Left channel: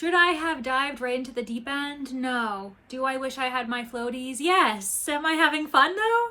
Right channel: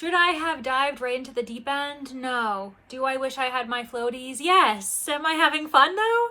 Should I have dived right into the deep end? No. Do I wish I had my floaties? Yes. Am I having fun though?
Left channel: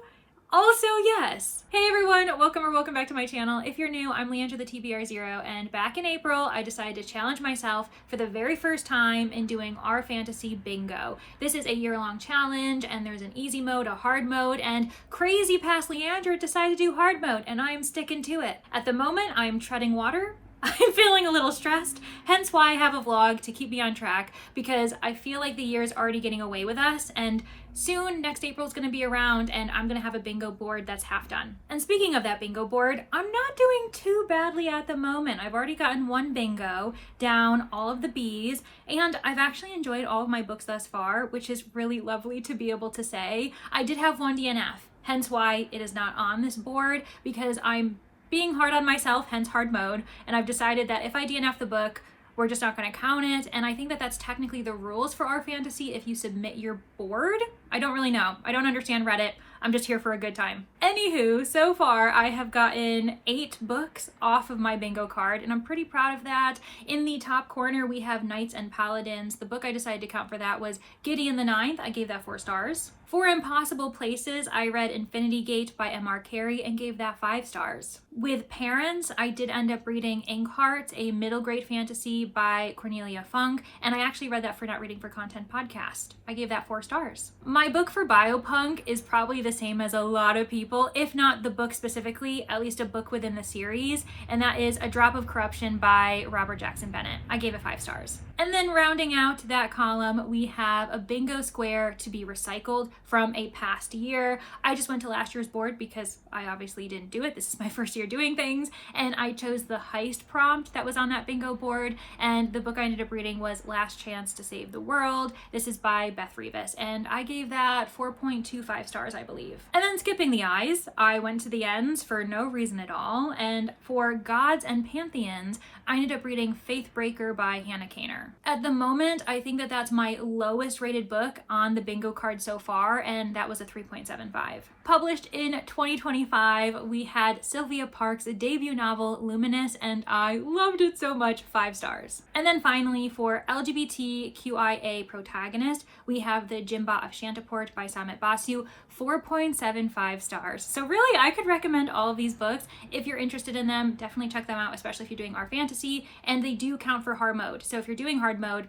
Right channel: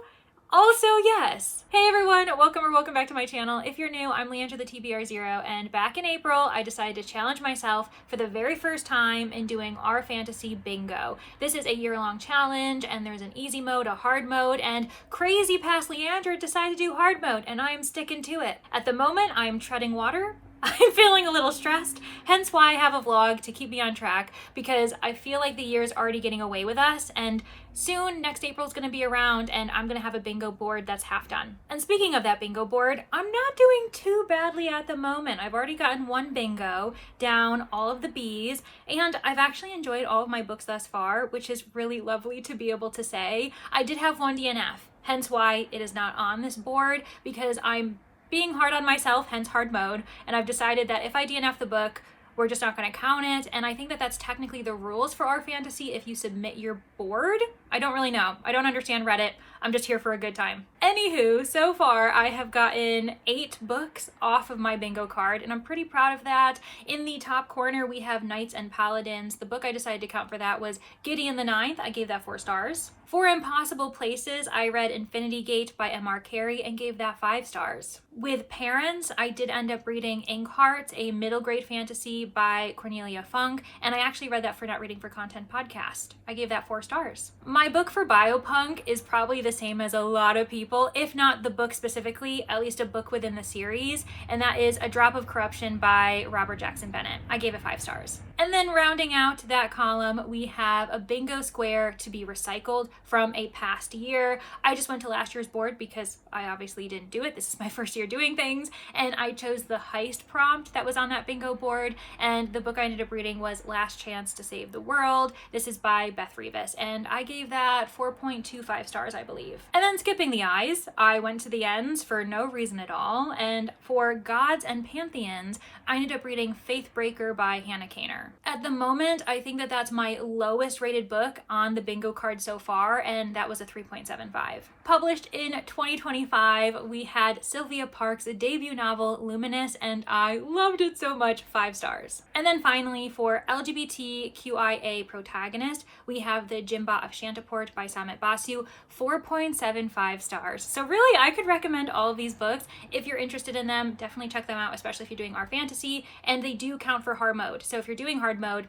Also, yes. Hey everyone, welcome back to my channel. If you're new, I'm Leandra the TBR0, and back in April, I decided to challenge myself for the very first time in doing our fantasy bingo. This is a year-long challenge, and there's an easy mode, a hard mode, and crazy past Leandra decided to do hard mode, and I am sticking to it. At the moment, I am treading water. I'm feeling a little stressed, hence why I have a vlog to keep me on track, because I feel like the year's already getting away with us, and soon next April's gonna be around and I'm gonna have a bingo board that's half done. And speaking of that bingo board, I'm not doing too badly at the moment. I've already gotten one bingo down, all of the B's, and I've actually enjoyed all of my books thus far, which is really lovely to be able to say. I did have one DNF, hence why it is not on this board, because I'm being hard on myself, hence hard mode, and I've decided that if I DNF the book, we're just not going to count it. And I think that that's technically the rules for our fantasy if you submit your board. I don't really know. I don't understand Reddit. I'm just here for a good time. Anywho, so far I have gotten 8 books off of my bingo card, and I'm pretty proud of that. In the top corner, we have Knights and Paladins. The book I decided to count for that was Gideon the Ninth. I gave that 4 stars. For Impossible Places, I read Infinity Gate by M.R. Carey and gave that 5 stars. With Parents, I did end up reading Inkheart, a middle grade fantasy by Cornelia Funk, and I actually read that for Not Reading for Content podcast. I gave that 4 stars. My book for Biopunk is probably the same as a lot of people, if not the book specifically, at least a book within the series, and that is A Drop of Corruption by Robert Jackson Bennett. I gave it 5 stars. And then rounding out that column, we have a bingo square to be recycled from a past year. I just went to last year's board because I obviously didn't do it. This is my first year doing things, and I chose the heist prompt that was on that bingo board, and the book I ended up reading was Last Chance to Save the World. This is by Beth Revis, and I gave that 4.25 stars, I believe. And then skipping the I's, I went to the ends for no reason at all, and for Gods and Pantheons, I ended up reading Faithbreaker by Hannah Kaner. At the moment, I think that that's my lowest rated book on the bingo card so far, and that was a 3.75. Published in 2025, we had Sylvia Park's debut novel, Luminous, and I loved it so much, 5 stars. And then finally, for LGBTQIA protagonist, we have The Jimba of Shantiport by Samit Basu, 4.75 stars. So really, I could recommend all of these books. If you're interested in them, definitely check them out, especially if you're doing our fantasy, and they do count for hard mode. So if you're doing hard mode,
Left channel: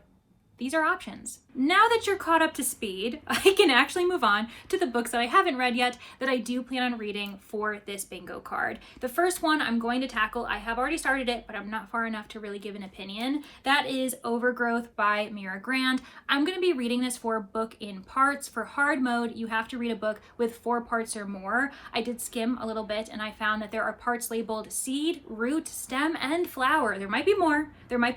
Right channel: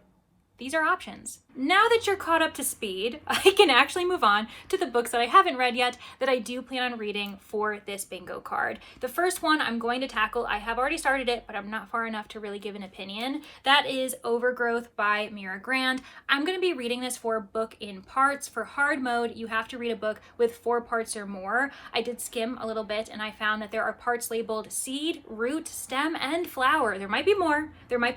these are options. Now that you're caught up to speed, I can actually move on to the books that I haven't read yet that I do plan on reading for this bingo card. The first one I'm going to tackle, I have already started it, but I'm not far enough to really give an opinion. That is Overgrowth by Mira Grant. I'm going to be reading this for book in parts. For hard mode, you have to read a book with 4 parts or more. I did skim a little bit and I found that there are parts labeled seed, root, stem, and flower. There might be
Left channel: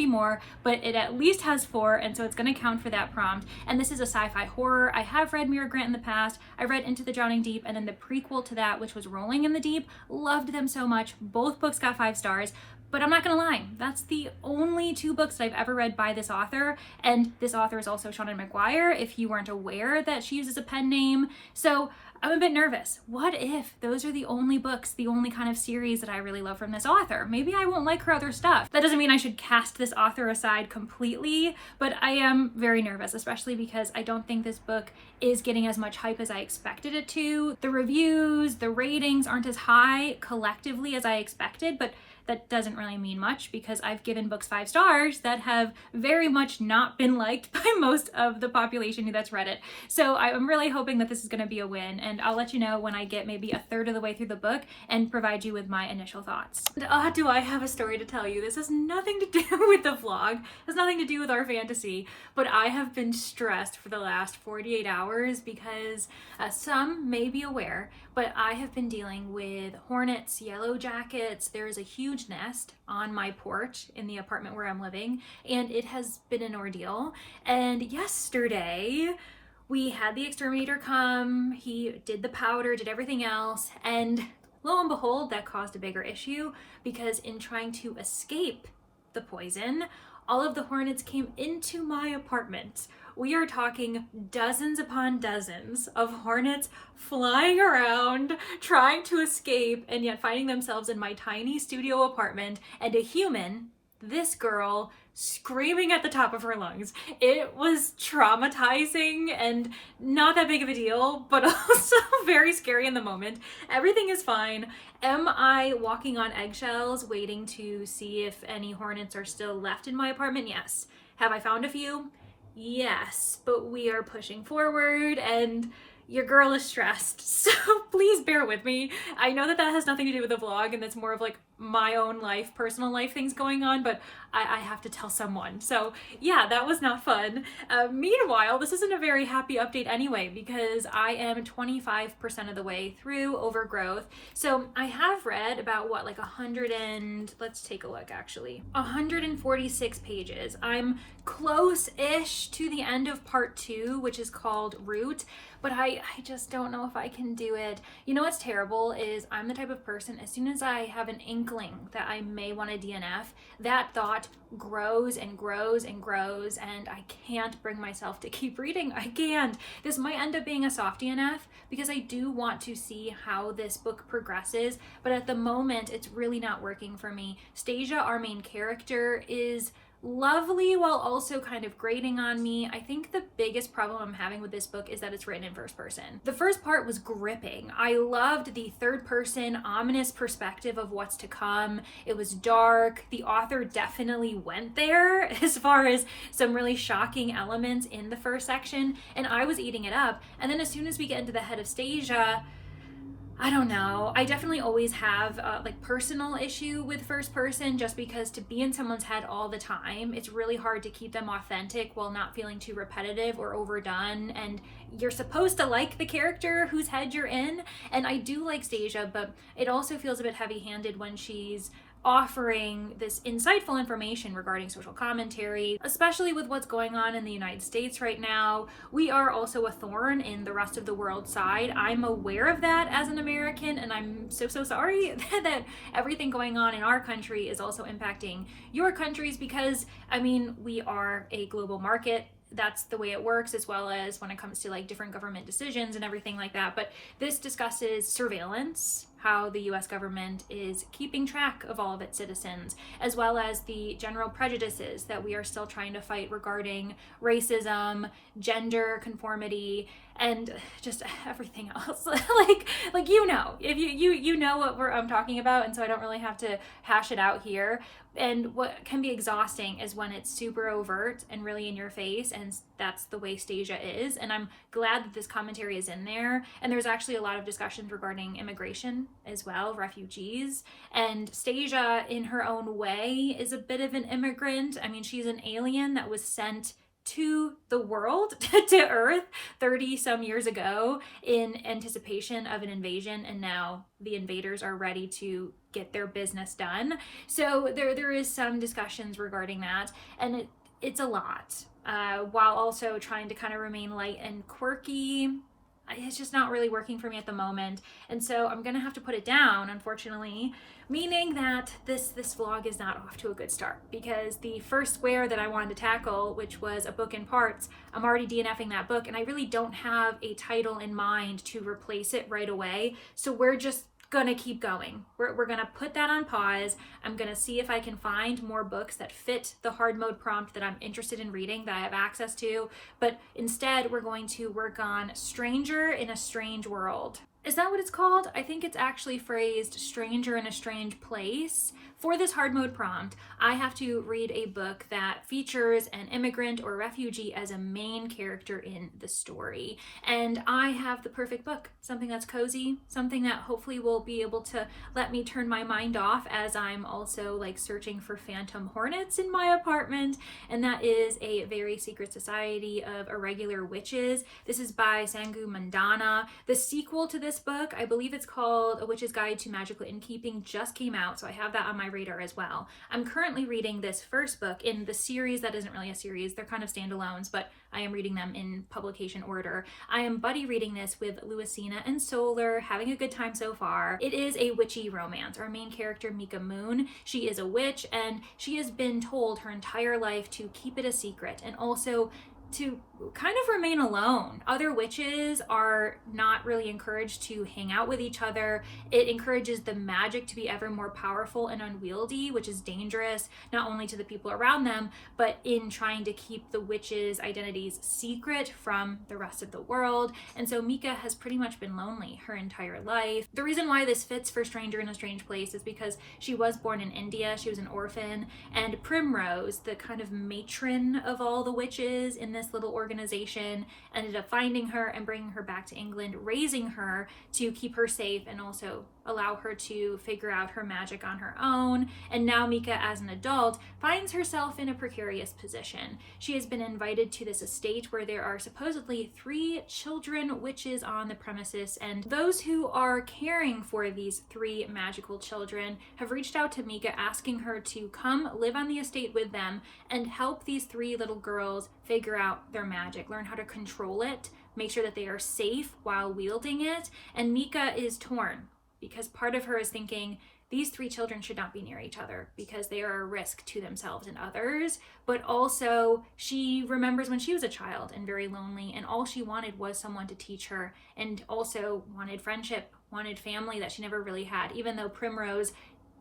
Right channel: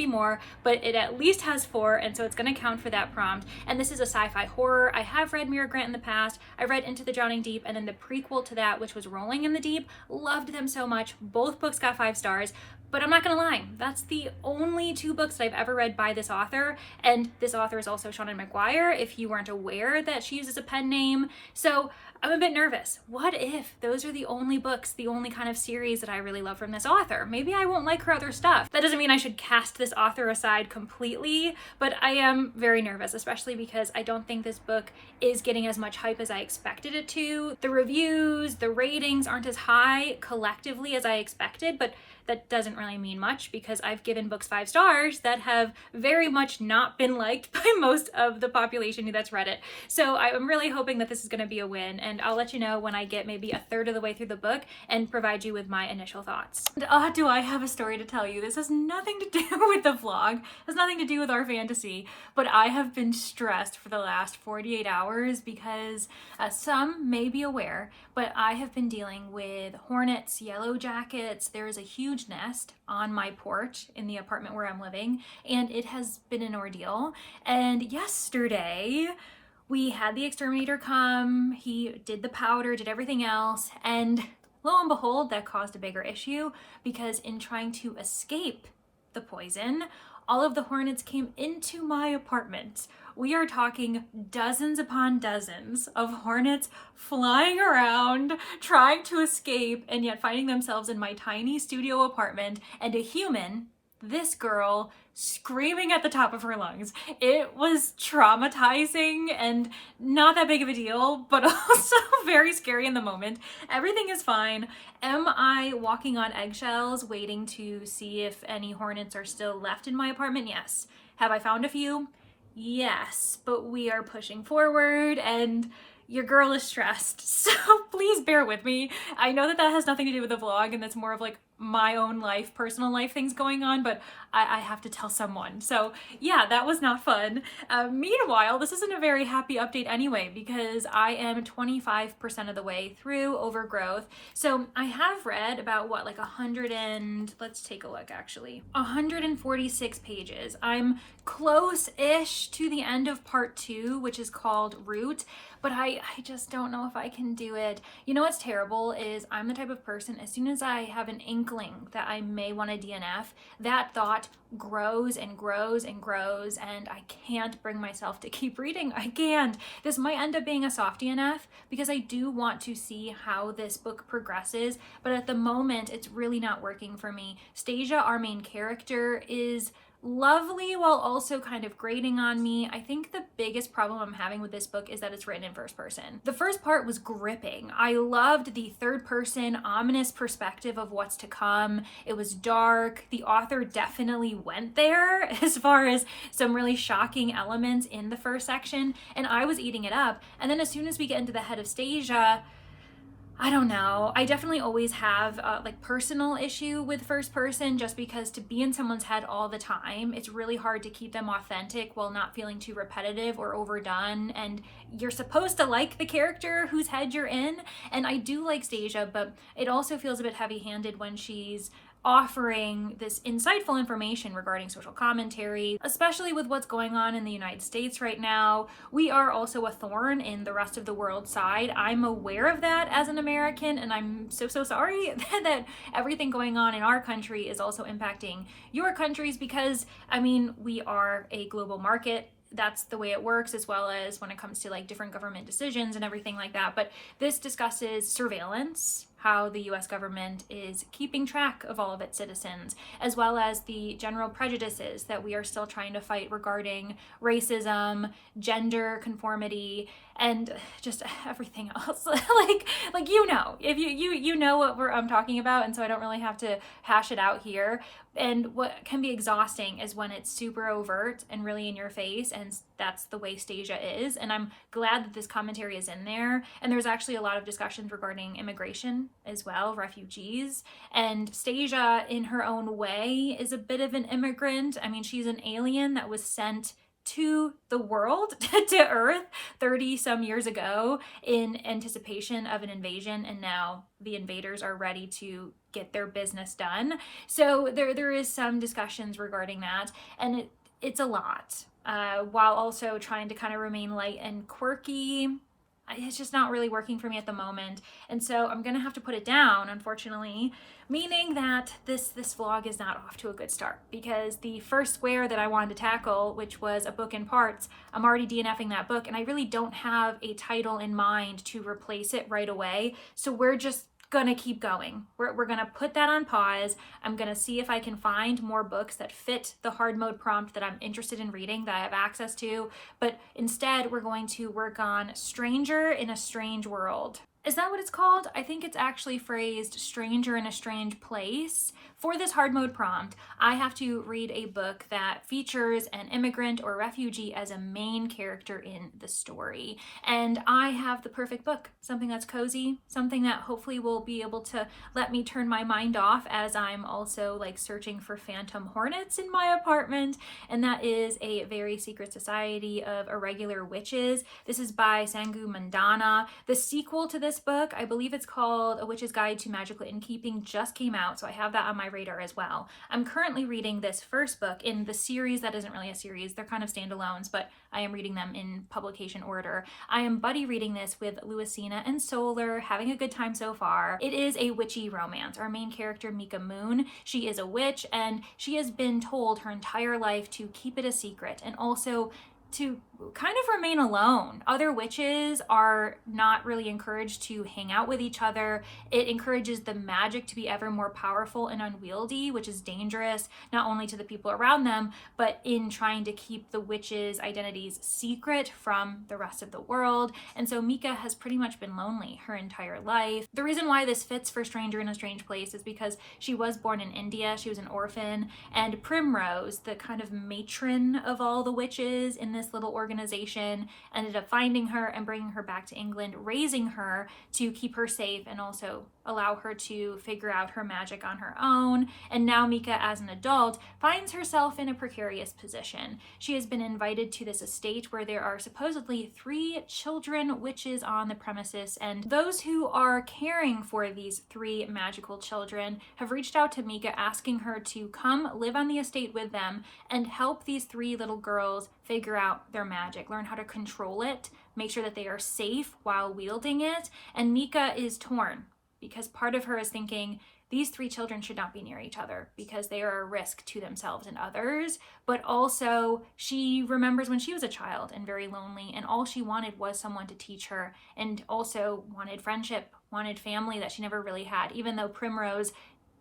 more, but it at least has 4, and so it's going to count for that prompt. And this is a sci-fi horror. I have read Mira Grant in the past. I read Into the Drowning Deep, and then the prequel to that, which was Rolling in the Deep. Loved them so much. Both books got 5 stars. But I'm not gonna lie, that's the only 2 books that I've ever read by this author, and this author is also Seanan McGuire, if you weren't aware that she uses a pen name. So I'm a bit nervous. What if those are the only books, the only kind of series that I really love from this author? Maybe I won't like her other stuff. That doesn't mean I should cast this author aside completely, but I am very nervous, especially because I don't think this book is getting as much hype as I expected it to. The reviews, the ratings aren't as high collectively as I expected, but that doesn't really mean much because I've given books 5 stars that have very much not been liked by most of the population that's read it. So I'm really hoping that this is going to be a win, and I'll let you know when I get maybe a third of the way through the book and provide you with my initial thoughts. And do I have a story to tell you? This has nothing to do with the vlog, has nothing to do with our fantasy, but I have been stressed for the last 48 hours because some may be aware, but I have been dealing with hornets, yellow jackets. There is a huge nest on my porch in the apartment where I'm living, and it has been an ordeal. And yesterday, we had the exterminator come, he did the powder, did everything else, and lo and behold, that caused a bigger issue because in trying to escape the poison, all of the hornets came into my apartment. We are talking dozens upon dozens of hornets flying around, trying to escape, and yet finding themselves in my tiny studio apartment, and a human, this girl, screaming at the top of her lungs. It was traumatizing and not that big of a deal, but also very scary in the moment. Everything is fine. Am I walking on eggshells waiting to see if any hornets are still left in my apartment? Yes. Have I found a few? Yes, but we are pushing forward and your girl is stressed, so please bear with me. I know that has nothing to do with the vlog and that's more of like my own life, personal life things going on, but I have to tell someone. So yeah, that was not fun. Meanwhile, this isn't a very happy update anyway, because I am 25% of the way through Overgrowth. So I have read about what, like 146 pages. I'm close-ish to the end of part 2, which is called Root, but I just don't know if I can do it. You know what's terrible is I'm the type of person, as soon as I have an inkling that I may want to DNF, that thought grows and grows and grows, and I can't bring myself to keep reading. I can't. This might end up being a soft DNF because I do want to see how this book progresses, but at the moment it's really not working for me. Stasia, our main character, is lovely while also kind of grating on me. I think the biggest problem I'm having with this book is that it's written in first person. The first part was gripping. I loved the third person ominous perspective of what's to come. It was dark. The author definitely went there as far as some really shocking elements in the first section, and I was eating it up. And then as soon as we get into the head of Stasia, I don't know. I definitely always have like personal issue with first person, just because to be in someone's head all the time, it's really hard to keep them authentic while not feeling too repetitive or overdone. And you're supposed to like the character whose head you're in. And I do like Stasia, but it also feels a bit heavy-handed when she's offering this insightful information regarding social commentary, especially with what's going on in the United States right now. We are also a thorn in the rest of the world side. I'm aware of that as an American, and I'm so sorry that everything going on in our country is also impacting your countries, because I mean, we are a global market. That's the way it works, as well as when it comes to like different government decisions and everything like that. But this discusses surveillance, how the US government is keeping track of all of its citizens, as well as the general prejudices that we are still trying to fight regarding racism, gender conformity, and just everything else. like you know, if you know what I'm talking about, and so I don't really have to hash it out here. And what can be exhausting is when it's super overt and really in your face, and that's the way Stasia is. And I'm glad that this commentary is in there. And there's actually a lot of discussions regarding immigration as well, refugees. And Stasia, in her own way, is a bit of an immigrant. I mean, she's an alien that was sent to the world, to Earth 30 some years ago in anticipation of an invasion, and now the invaders are ready to get their business done. So there is some discussions regarding that, and it's a lot, while also trying to kind of remain light and quirky. It's just not really working for me at the moment, and so I'm gonna have to put it down, unfortunately, meaning that this vlog is not off to a good start, because the first square that I wanted to tackle, which was a book in parts, I'm already DNFing that book, and I really don't have a title in mind to replace it right away. So we're just gonna keep going. We're gonna put that on pause. I'm gonna see if I can find more books that fit the hard mode prompt that I'm interested in reading, that I have access to, but instead we're going to work on Stranger in a Strange World. Is that what it's called? I think it's actually phrased Stranger in a Strange Place. For this hard mode prompt, I have to read a book that features an immigrant or refugee as a main character in the story. And I have the perfect book, something that's cozy, something that hopefully will be able to let me turn my mind off as I'm also like searching for phantom hornets in my apartment. And that is A Very Secret Society of Irregular Witches. This is by Sangu Mandana. The sequel to this book, I believe it's called A Witch's Guide to Magical Innkeeping, just came out, so I have that on my radar as well. I'm currently reading this first book in the series that isn't really a series. They're kind of standalones, but I am reading them in publication order. I am buddy reading this with Louisina and Solar, having a good time so far. It is a witchy romance. Our main character, Mika Moon, she is a witch, and she has been told her entire life to keep it a secret, and also to kind of remain alone. Other witches are not really encouraged to hang out with each other. It encourages the magic to be ever more powerful and unwieldy, which is dangerous, not only to the people around them, but in trying to keep the witches' identities secret from the rest of the world. And so Mika has pretty much been lonely her entire life. The reason why this fits for Stranger in a Strange Place is because she was born in India, she was an orphan, and Primrose, the kind of matron of all the witches in this little organization, ended up finding her and bringing her back to England, raising her to keep her safe and also allow her to figure out her magic on her own. And now Mika, as an adult, finds herself in a precarious position. She has been invited to this estate where there are supposedly 3 children witches on the premises, and those who are caring for these 3 magical children have reached out to Mika asking her to come live on the estate with them and help these 3 little girls figure out their magic, learn how to control it, make sure that they are safe while wielding it. And Mika is torn because part of her is thinking these 3 children should not be near each other because they are a risk to themselves and others. But also she remembers when she was a child and very lonely, and all she wanted was someone to teach her, and also wanted friendship, wanted family that she never really had. Even though Primrose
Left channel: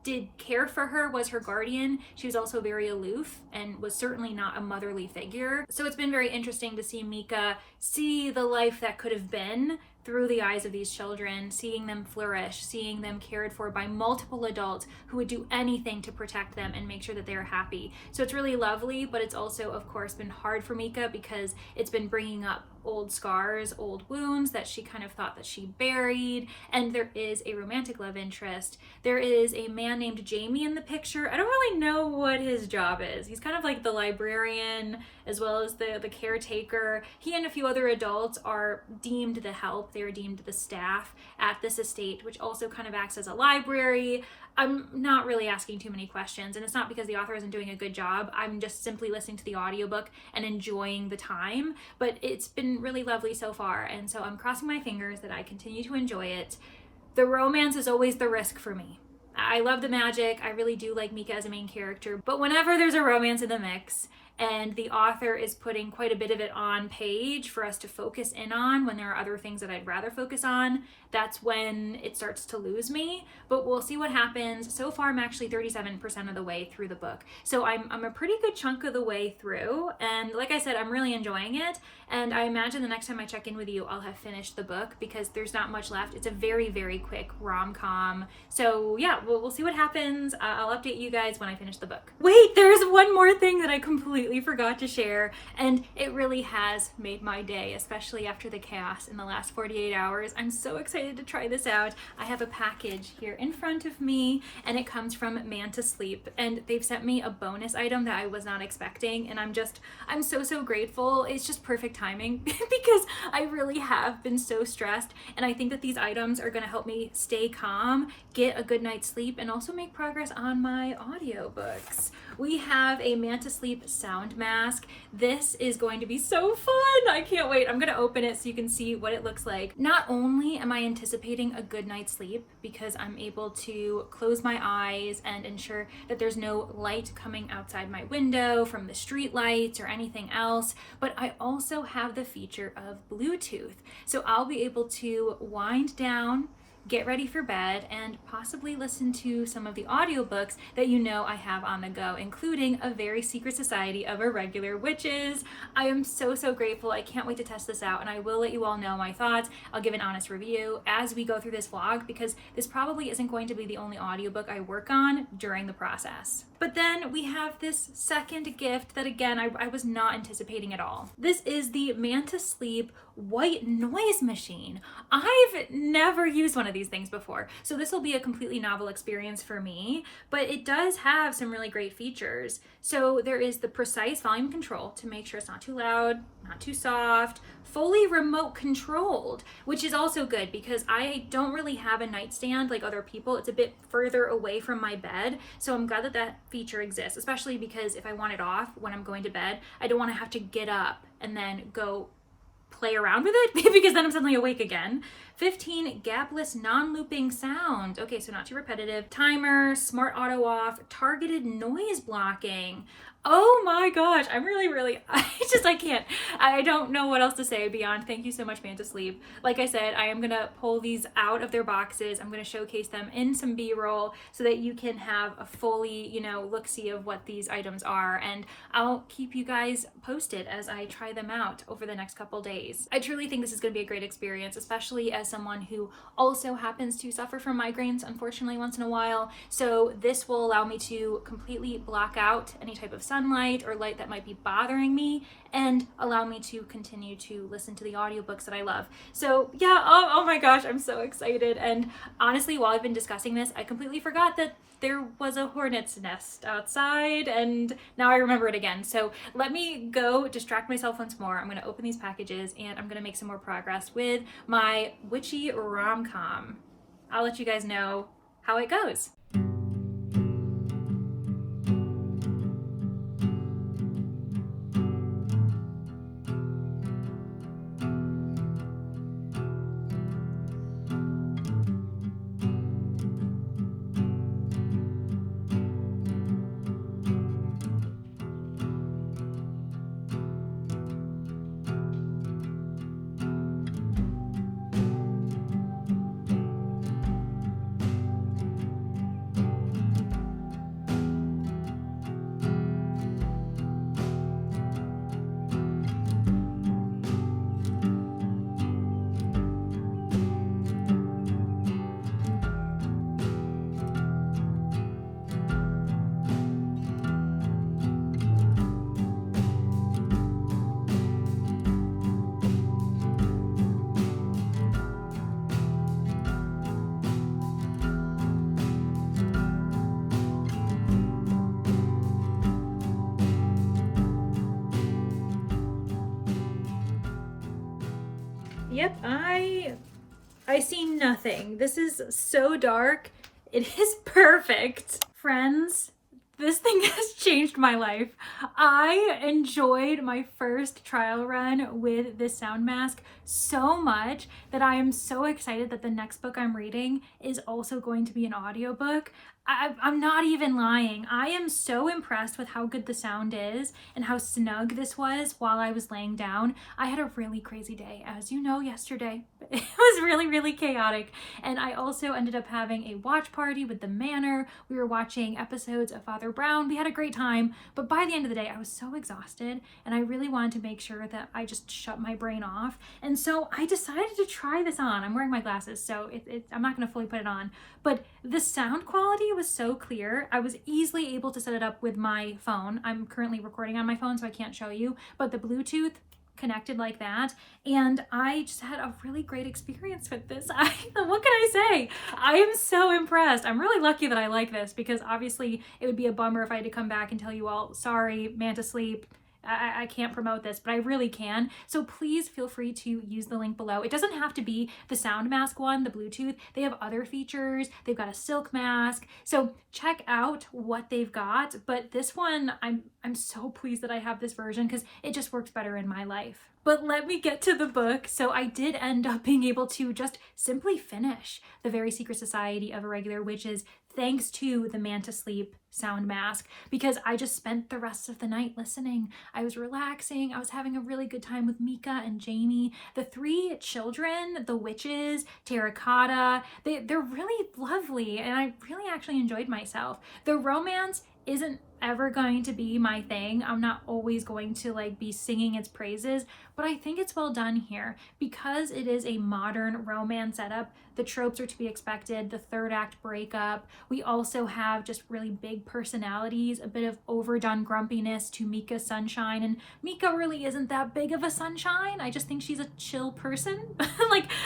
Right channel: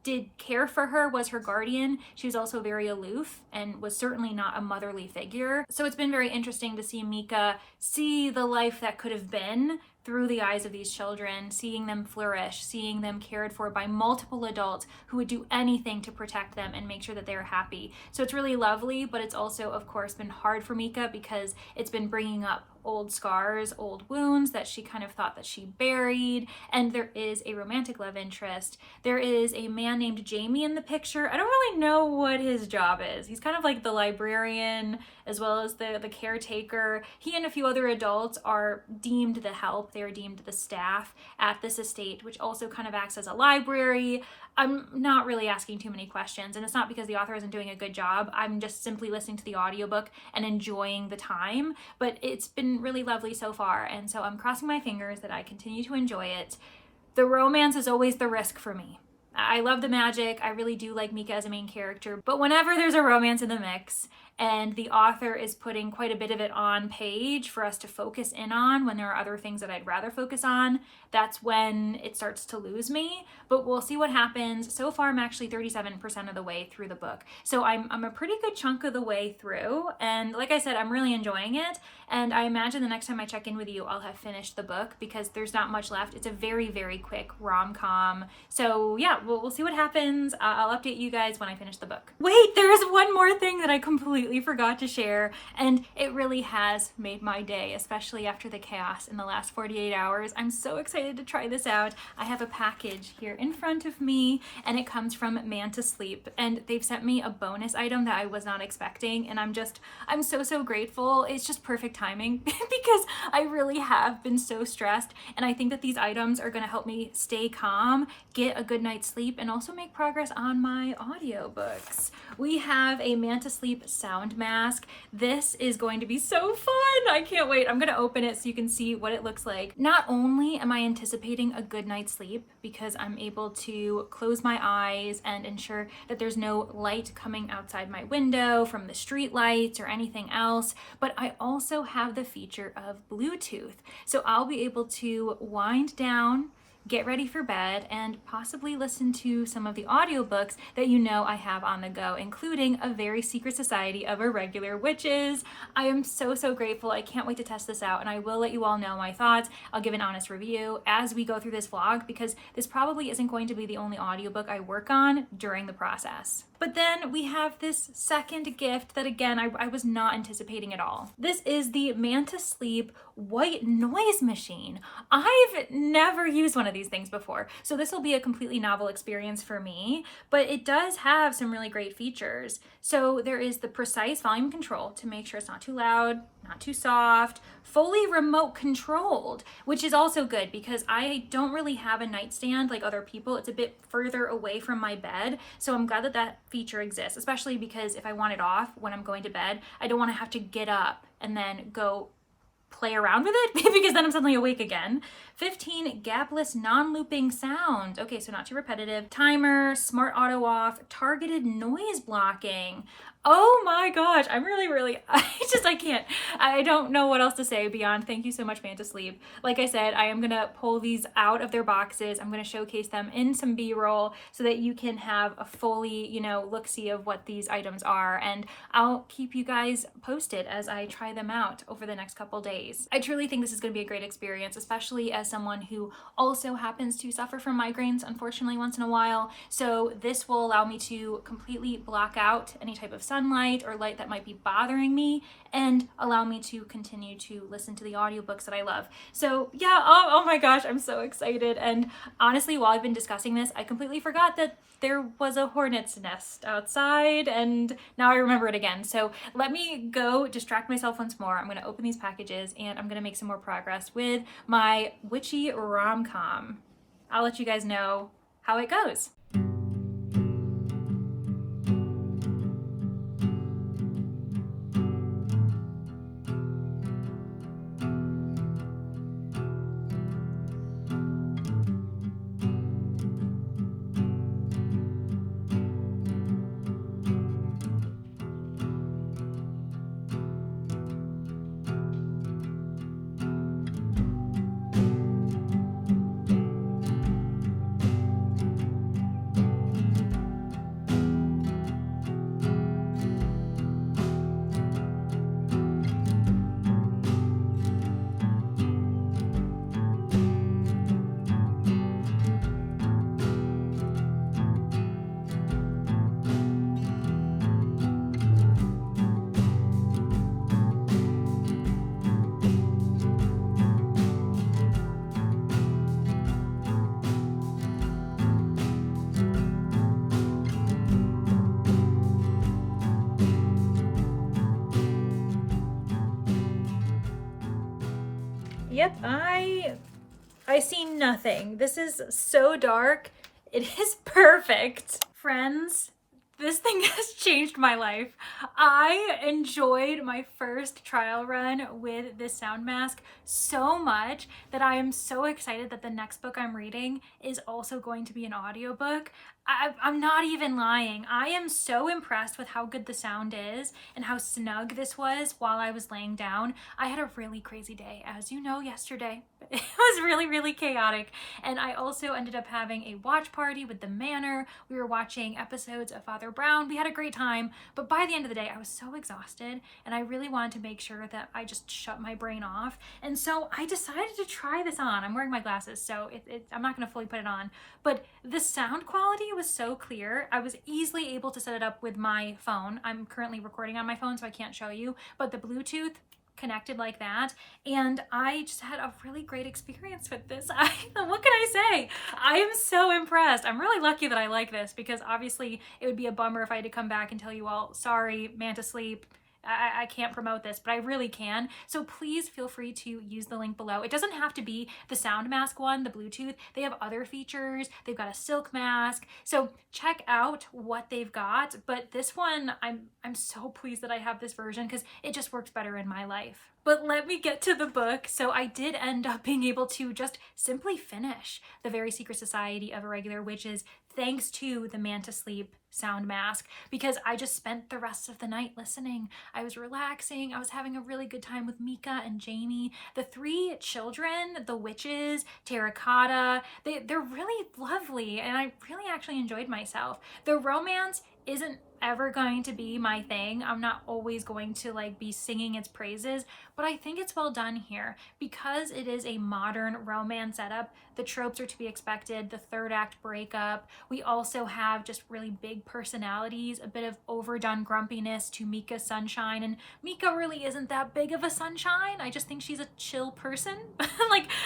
did care for her, was her guardian, she was also very aloof and was certainly not a motherly figure. So it's been very interesting to see Mika see the life that could have been through the eyes of these children, seeing them flourish, seeing them cared for by multiple adults who would do anything to protect them and make sure that they're happy. So it's really lovely, but it's also, of course, been hard for Mika because it's been bringing up old scars, old wounds that she kind of thought that she buried. And there is a romantic love interest. There is a man named Jamie in the picture. I don't really know what his job is. He's kind of like the librarian as well as the caretaker. He and a few other adults are deemed the help. They are deemed the staff at this estate, which also kind of acts as a library. I'm not really asking too many questions, and it's not because the author isn't doing a good job. I'm just simply listening to the audiobook and enjoying the time, but it's been really lovely so far, and so I'm crossing my fingers that I continue to enjoy it. The romance is always the risk for me. I love the magic. I really do like Mika as a main character, but whenever there's a romance in the mix, and the author is putting quite a bit of it on page for us to focus in on when there are other things that I'd rather focus on, that's when it starts to lose me. But we'll see what happens. So far, I'm actually 37% of the way through the book. So I'm a pretty good chunk of the way through. And like I said, I'm really enjoying it. And I imagine the next time I check in with you, I'll have finished the book because there's not much left. It's a very, very quick rom-com. So yeah, we'll see what happens. I'll update you guys when I finish the book. Wait, there's one more thing that I completely forgot to share. And it really has made my day, especially after the chaos in the last 48 hours. I'm so excited to try this out. I have a package here in front of me, and it comes from Manta Sleep, and they've sent me a bonus item that I was not expecting, and I'm so grateful. It's just perfect timing because I really have been so stressed, and I think that these items are going to help me stay calm, get a good night's sleep, and also make progress on my audiobooks. We have a Manta Sleep sound mask. This is going to be so fun. I can't wait. I'm going to open it so you can see what it looks like. Not only am I anticipating a good night's sleep because I'm able to close my eyes and ensure that there's no light coming outside my window from the street lights or anything else, but I also have the feature of Bluetooth. So I'll be able to wind down, get ready for bed, and possibly listen to some of the audiobooks that you know I have on the go, including A Very Secret Society of Irregular Witches. I am so grateful. I can't wait to test this out, and I will let you all know my thoughts. I'll give an honest review as we go through this vlog because this probably isn't going to be the only audiobook I work on during the process. But then we have this second gift that, again, I was not anticipating at all. This is the Manta Sleep white noise machine. I've never used one of these things before, so this will be a completely novel experience for me, but it does have some really great features. So there is the precise volume control to make sure it's not too loud, not too soft, fully remote controlled, which is also good because I don't really have a nightstand like other people. It's a bit further away from my bed, so I'm glad that that feature exists, especially because if I want it off when I'm going to bed, I don't want to have to get up and then go play around with it because then I'm suddenly awake again. 15 gapless non-looping sound. Okay, so not too repetitive. Timer, smart auto off, targeted noise blocking. Oh my gosh, I'm really, I can't. I don't know what else to say beyond thank you so much, Manta Sleep. Like I said, I am gonna pull these out of their boxes. I'm gonna showcase them in some B-roll so that you can have a fully, look-see of what these items are. And I'll keep you guys posted as I try them out over the next couple days. I truly think this is gonna be a great experience, especially as someone who also happens to suffer from migraines, unfortunately, once in a while. So this will allow me to completely block out any type of sunlight or light that might be bothering me and allow me to continue to listen to the audiobooks that I love. So yeah, oh my gosh, I'm so excited. And honestly, while I've been discussing this, I completely forgot that there was a hornet's nest outside, and now I remember it again. So let me go distract myself once more. I'm gonna open these packages and I'm gonna make some more progress with my witchy rom-com. I'll let you guys know how it goes. Yep, I see nothing. This is so dark. It is perfect. Friends, this thing has changed my life. I enjoyed my first trial run with this sound mask so much that I am so excited that the next book I'm reading is also going to be an audiobook. I'm not even lying. I am so impressed with how good the sound is and how snug this was while I was laying down. I had a really crazy day, as you know, yesterday. It was really chaotic. And I also ended up having a watch party with the Manor. We were watching episodes of Father Brown. We had a great time. But by the end of the day, I was so exhausted and I really wanted to make sure that I just shut my brain off. And so I decided to try this on. I'm wearing my glasses, so I'm not going to fully put it on. But the sound quality was so clear. I was easily able to set it up with my phone. I'm currently recording on my phone, so I can't show you, but the Bluetooth connected like that, and I just had a really great experience with this. What can I say? I am so impressed. I'm really lucky that I like this, because obviously it would be a bummer if I had to come back and tell you all, sorry, Manta Sleep, I can't promote this, but I really can. So please feel free to use the link below. It doesn't have to be the sound mask one, the Bluetooth. They have other features. They've got a silk mask. So check out what they've got. But this one, I'm so pleased that I have this version because it just works better in my life. But let me get to the book. So I did end up being able to just simply finish The Very Secret Society of Irregular Witches thanks to the Manta Sleep sound mask, because I just spent the rest of the night listening. I was relaxing. I was having a really good time with Mika and Jamie. The three children, the witches, Terracotta, they're really lovely, and I really actually enjoyed myself. The romance isn't ever going to be my thing. I'm not always going to be singing its praises, but I think it's well done here because it is a modern romance setup. The tropes are to be expected, the third act breakup. We also have just really big personalities, a bit of overdone grumpiness to Mika's sunshine, and Mika really isn't that big of a sunshine. I just think she's a chill person.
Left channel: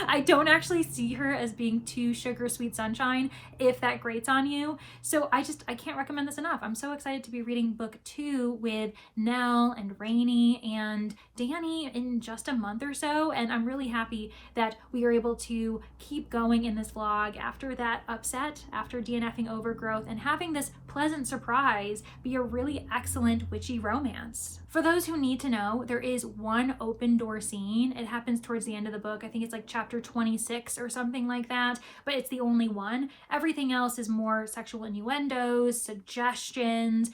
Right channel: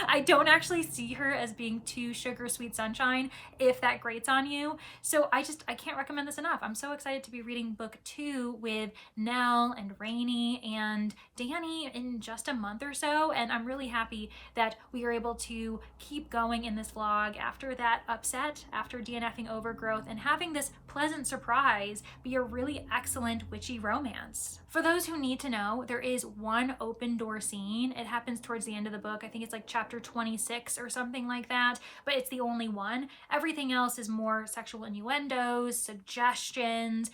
I don't actually see her as being too sugar sweet sunshine, if that grates on you. So I can't recommend this enough. I'm so excited to be reading book 2 with Nell and Rainy and Danny in just a month or so, and I'm really happy that we are able to keep going in this vlog after that upset, after DNFing Overgrowth, and having this pleasant surprise be a really excellent witchy romance. For those who need to know, there is one open door scene. It happens towards the end of the book. I think it's chapter 26 or something like that, but it's the only one. Everything else is more sexual innuendos, suggestions,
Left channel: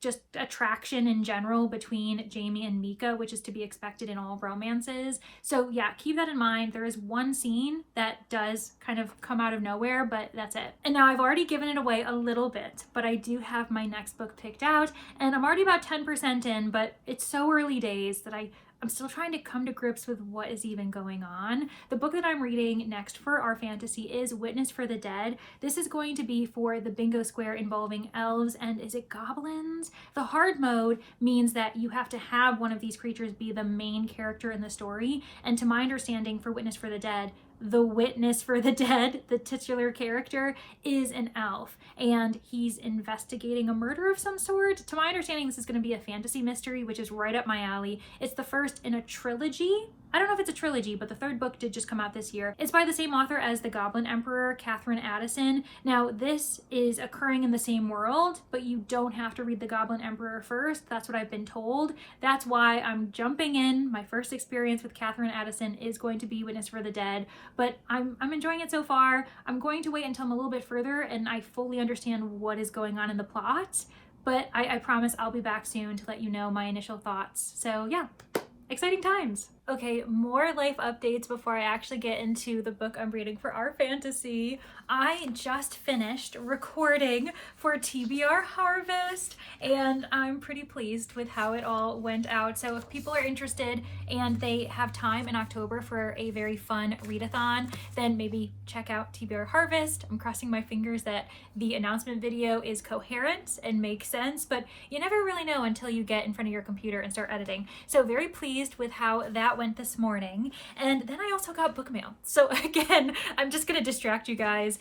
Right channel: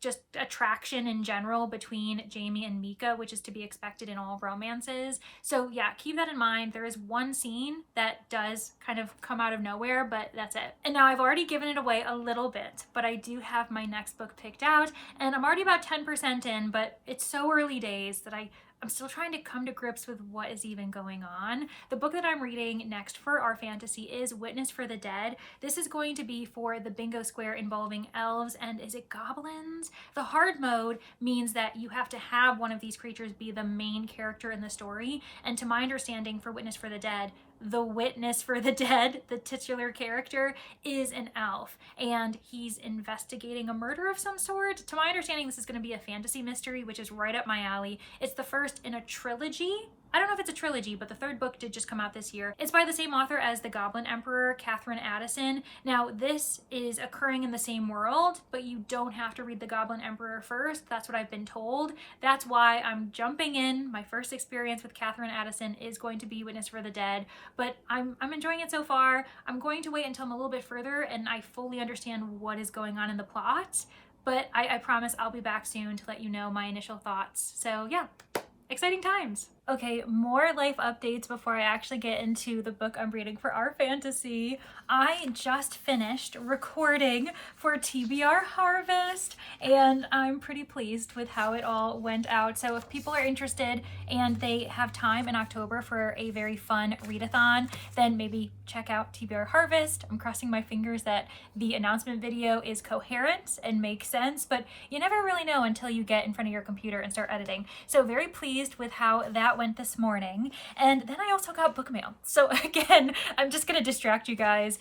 just attraction in general between Jamie and Mika, which is to be expected in all romances. So yeah, keep that in mind. There is one scene that does kind of come out of nowhere, but that's it. And now I've already given it away a little bit, but I do have my next book picked out, and I'm already about 10% in, but it's so early days that I'm still trying to come to grips with what is even going on. The book that I'm reading next for our fantasy is Witness for the Dead. This is going to be for the bingo square involving elves and is it goblins? The hard mode means that you have to have one of these creatures be the main character in the story. And to my understanding, for Witness for the Dead, the witness for the dead, the titular character, is an elf and he's investigating a murder of some sort. To my understanding, this is going to be a fantasy mystery, which is right up my alley. It's the first in a trilogy. I don't know if it's a trilogy, but the third book did just come out this year. It's by the same author as The Goblin Emperor, Catherine Addison. Now, this is occurring in the same world, but you don't have to read The Goblin Emperor first. That's what I've been told. That's why I'm jumping in. My first experience with Catherine Addison is going to be Witness for the Dead, but I'm enjoying it so far. I'm going to wait until I'm a little bit further and I fully understand what is going on in the plot, but I promise I'll be back soon to let you know my initial thoughts. So yeah, exciting times. Okay, more life updates before I actually get into the book I'm reading for our fantasy. I just finished recording for TBR Harvest and I'm pretty pleased with how it all went out. So if people are interested and they have time in October for a very fun readathon, then maybe check out TBR Harvest. I'm crossing my fingers that the announcement video is coherent and makes sense, but you never really know until you get in front of your computer and start editing. So very pleased with how that went this morning. And then I also got book mail. So again, I'm just gonna distract you guys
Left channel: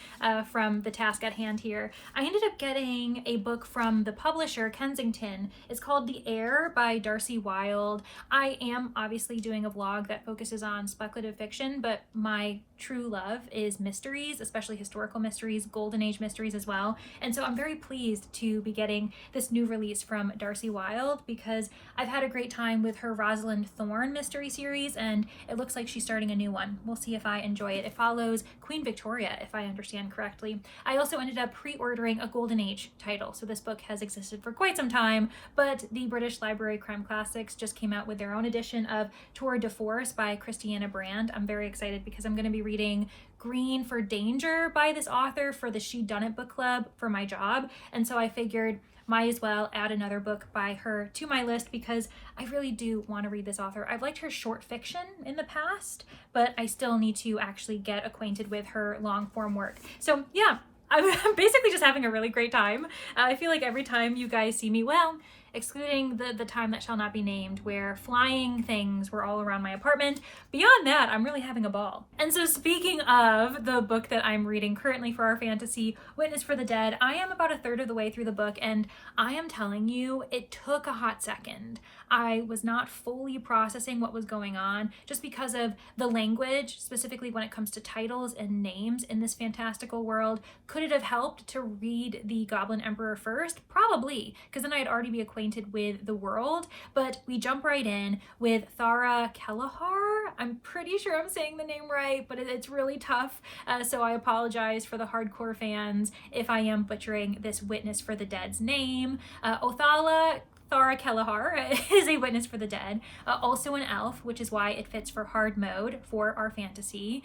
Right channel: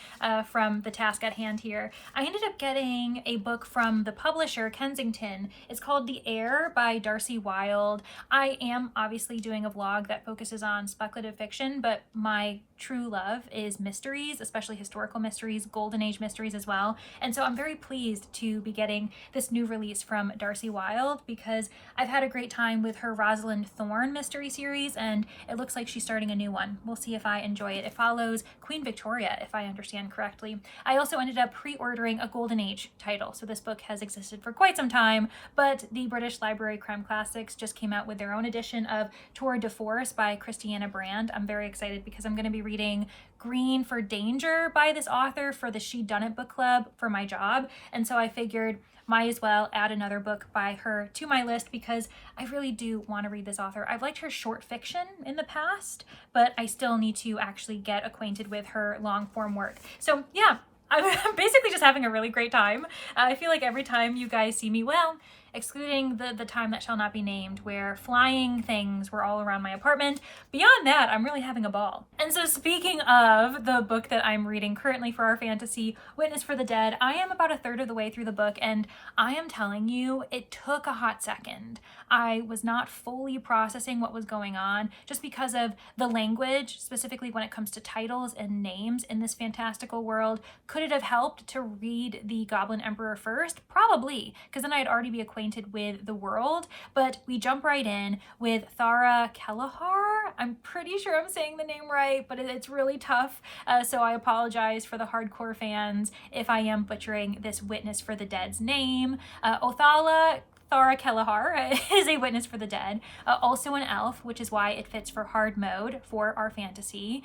from the task at hand here. I ended up getting a book from the publisher, Kensington. It's called The Heir by Darcy Wilde. I am obviously doing a vlog that focuses on speculative fiction, but my true love is mysteries, especially historical mysteries, golden age mysteries as well. And so I'm very pleased to be getting this new release from Darcy Wilde because I've had a great time with her Rosalind Thorne mystery series and it looks like she's starting a new one. We'll see if I enjoy it. It follows Queen Victoria, if I understand correctly. I also ended up pre-ordering a Golden Age title. So this book has existed for quite some time, but the British Library Crime Classics just came out with their own edition of Tour de Force by Christiana Brand. I'm very excited because I'm going to be reading Green for Danger by this author for the She Done It book club for my job. And so I figured might as well add another book by her to my list because I really do want to read this author. I've liked her short fiction in the past, but I still need to actually get acquainted with her long form work. So yeah, I'm basically just having a really great time. I feel like every time you guys see me, well, excluding the time that shall not be named where flying things were all around my apartment. Beyond that, I'm really having a ball. And so speaking of the book that I'm reading currently for our fantasy, Witness for the Dead, I am about a third of the way through the book and I am telling you, it took a hot second. I was not fully processing what was going on just because of the language, specifically when it comes to titles and names in this fantastical world. Could it have helped to read The Goblin Emperor first? Probably, because then I'd already be acquainted with the world, but we jump right in with Thara Kelleher. I'm pretty sure I'm saying the name right, but it's really tough, so I apologize for the hardcore fans if I am butchering this Witness for the Dead's name. Othala Thara Kelleher is a witness for the dead, also an elf, which is why it fits for hard mode for our fantasy.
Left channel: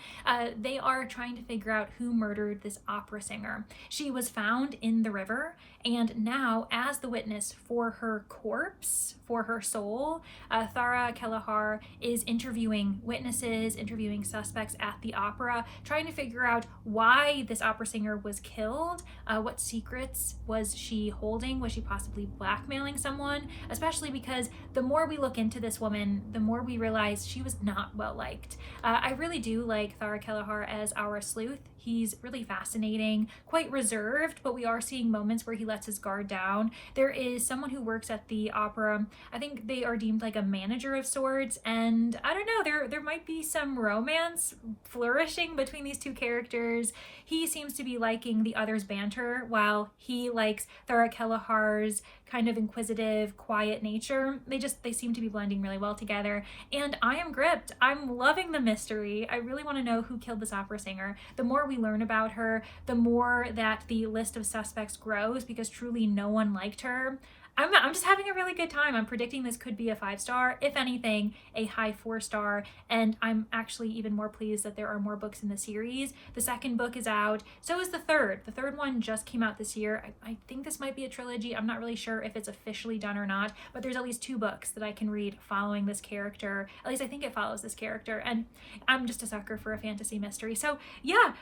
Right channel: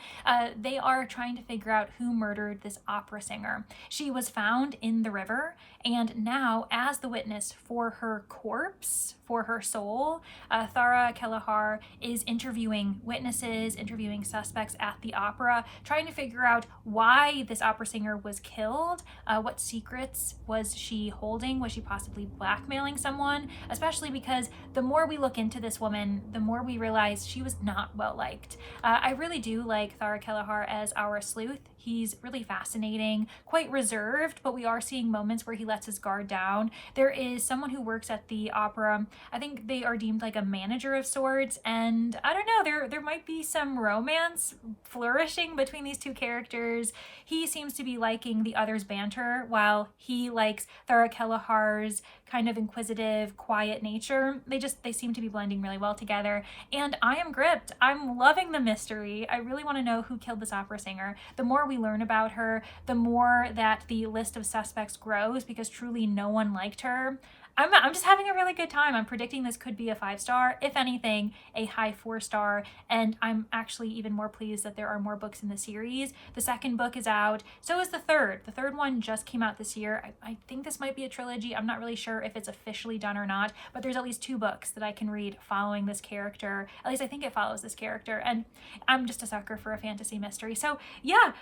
They are trying to figure out who murdered this opera singer. She was found in the river, and now as the witness for her corpse, for her soul, Thara Kelleher is interviewing witnesses, interviewing suspects at the opera, trying to figure out why this opera singer was killed, what secrets was she holding, was she possibly blackmailing someone, especially because the more we look into this woman, the more we realize she was not well liked. I really do like Thara Kelleher as our sleuth. He's really fascinating, quite reserved, but we are seeing moments where he lets his guard down. There is someone who works at the opera. I think they are deemed like a manager of sorts, and I don't know, there might be some romance flourishing between these two characters. He seems to be liking the other's banter, while he likes Thara Kelleher's kind of inquisitive, quiet nature. They seem to be blending really well together. And I am gripped. I'm loving the mystery. I really want to know who killed this opera singer. The more we learn about her, the more that the list of suspects grows because truly no one liked her. I'm just having a really good time. I'm predicting this could be a 5-star, if anything, a high 4-star. And I'm actually even more pleased that there are more books in the series. The second book is out. So is the third. The third one just came out this year. I think this might be a trilogy. I'm not really sure if it's officially done or not, but there's at least 2 books that I can read following this character. At least I think it follows this character. And I'm just a sucker for a fantasy mystery. So yeah,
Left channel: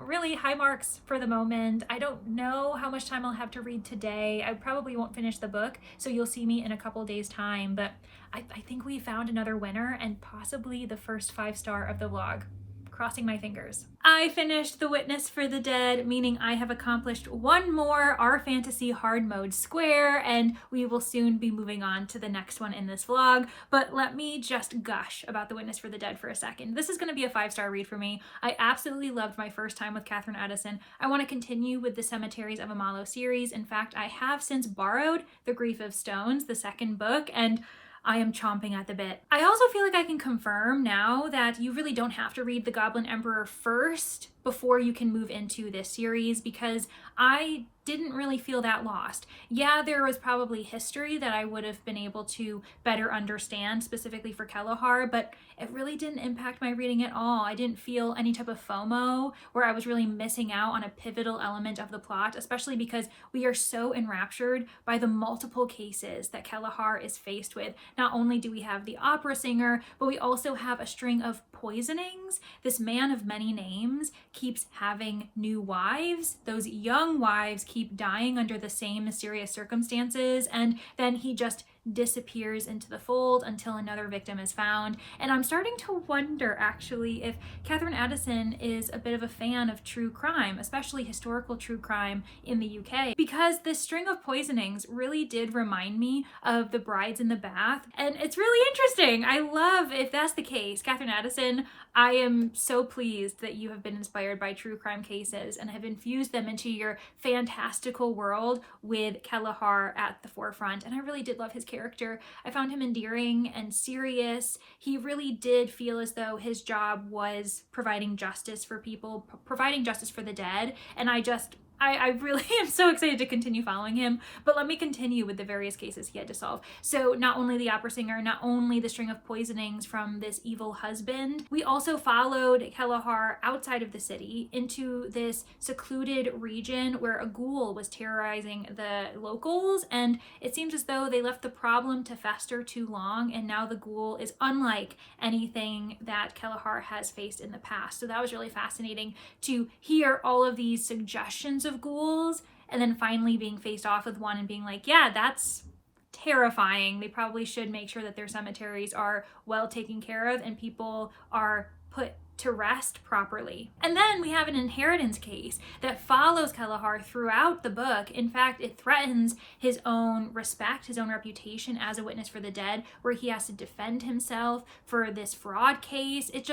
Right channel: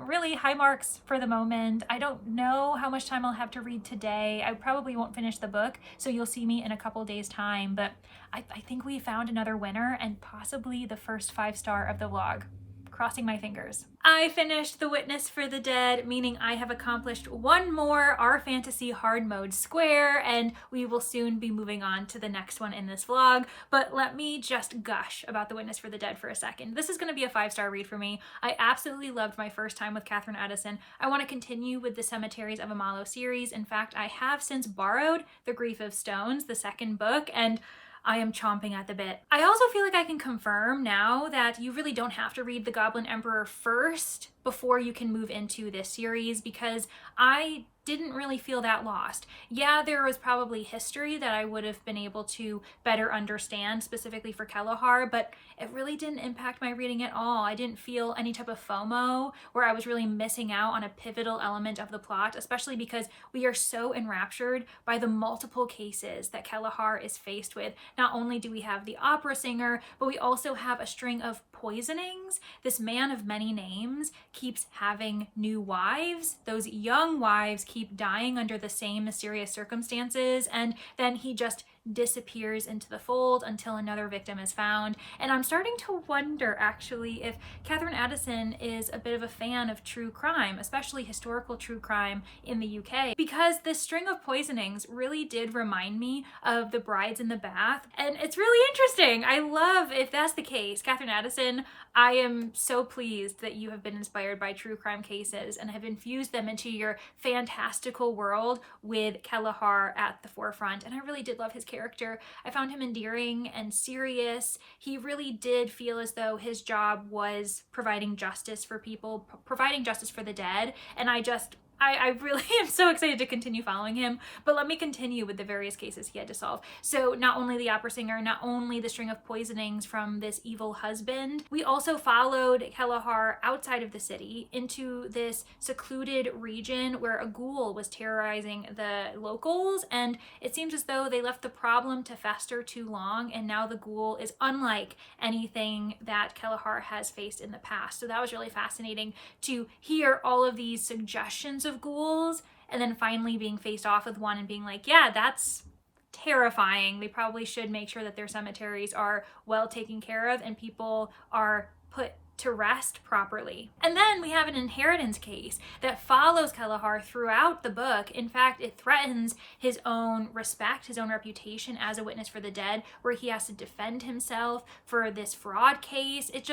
really high marks for the moment. I don't know how much time I'll have to read today. I probably won't finish the book, so you'll see me in a couple days time, but I think we found another winner and possibly the first 5-star of the vlog. Crossing my fingers. I finished The Witness for the Dead, meaning I have accomplished one more Our Fantasy hard mode square, and we will soon be moving on to the next one in this vlog. But let me just gush about The Witness for the Dead for a second. This is going to be a 5-star read for me. I absolutely loved my first time with Katherine Edison. I want to continue with the Cemeteries of Amalo series. In fact, I have since borrowed The Grief of Stones, the second book, and I am chomping at the bit. I also feel like I can confirm now that you really don't have to read The Goblin Emperor first before you can move into this series, because I didn't really feel that lost. Yeah, there was probably history that I would have been able to better understand specifically for Kelahar, but it really didn't impact my reading at all. I didn't feel any type of FOMO where I was really missing out on a pivotal element of the plot, especially because we are so enraptured by the multiple cases that Kelahar is faced with. Not only do we have the opera singer, but we also have a string of poisonings. This man of many names keeps having new wives. Those young wives keep dying under the same mysterious circumstances, and then he just disappears into the fold until another victim is found. And I'm starting to wonder actually if Katherine Addison is a bit of a fan of true crime, especially historical true crime in the UK, because this string of poisonings really did remind me of The Brides in the Bath, and it's really interesting. I love if that's the case. Katherine Addison, I am so pleased that you have been inspired by true crime cases and have infused them into your fantastical world with Kelahar at the forefront. And I really did love his character. I found him endearing and serious. He really did feel as though his job was providing justice for people, providing justice for the dead. And I really am so excited to continue following him, but let me continue with the various cases he had to solve. So not only the opera singer, not only the string of poisonings from this evil husband, we also followed Kelahar outside of the city into this secluded region where a ghoul was terrorizing the locals, and it seems as though they left the problem to fester too long, and now the ghoul is unlike anything that Kelahar has faced in the past. So that was really fascinating to hear all of these suggestions of ghouls and then finally being faced off with one and being like, yeah, that's terrifying. They probably should make sure that their cemeteries are well taken care of and people are put to rest properly. And then we have an inheritance case that follows Kelahar throughout the book. In fact, it threatens his own respect, his own reputation as a witness for the dead, where he has to defend himself for this fraud case. It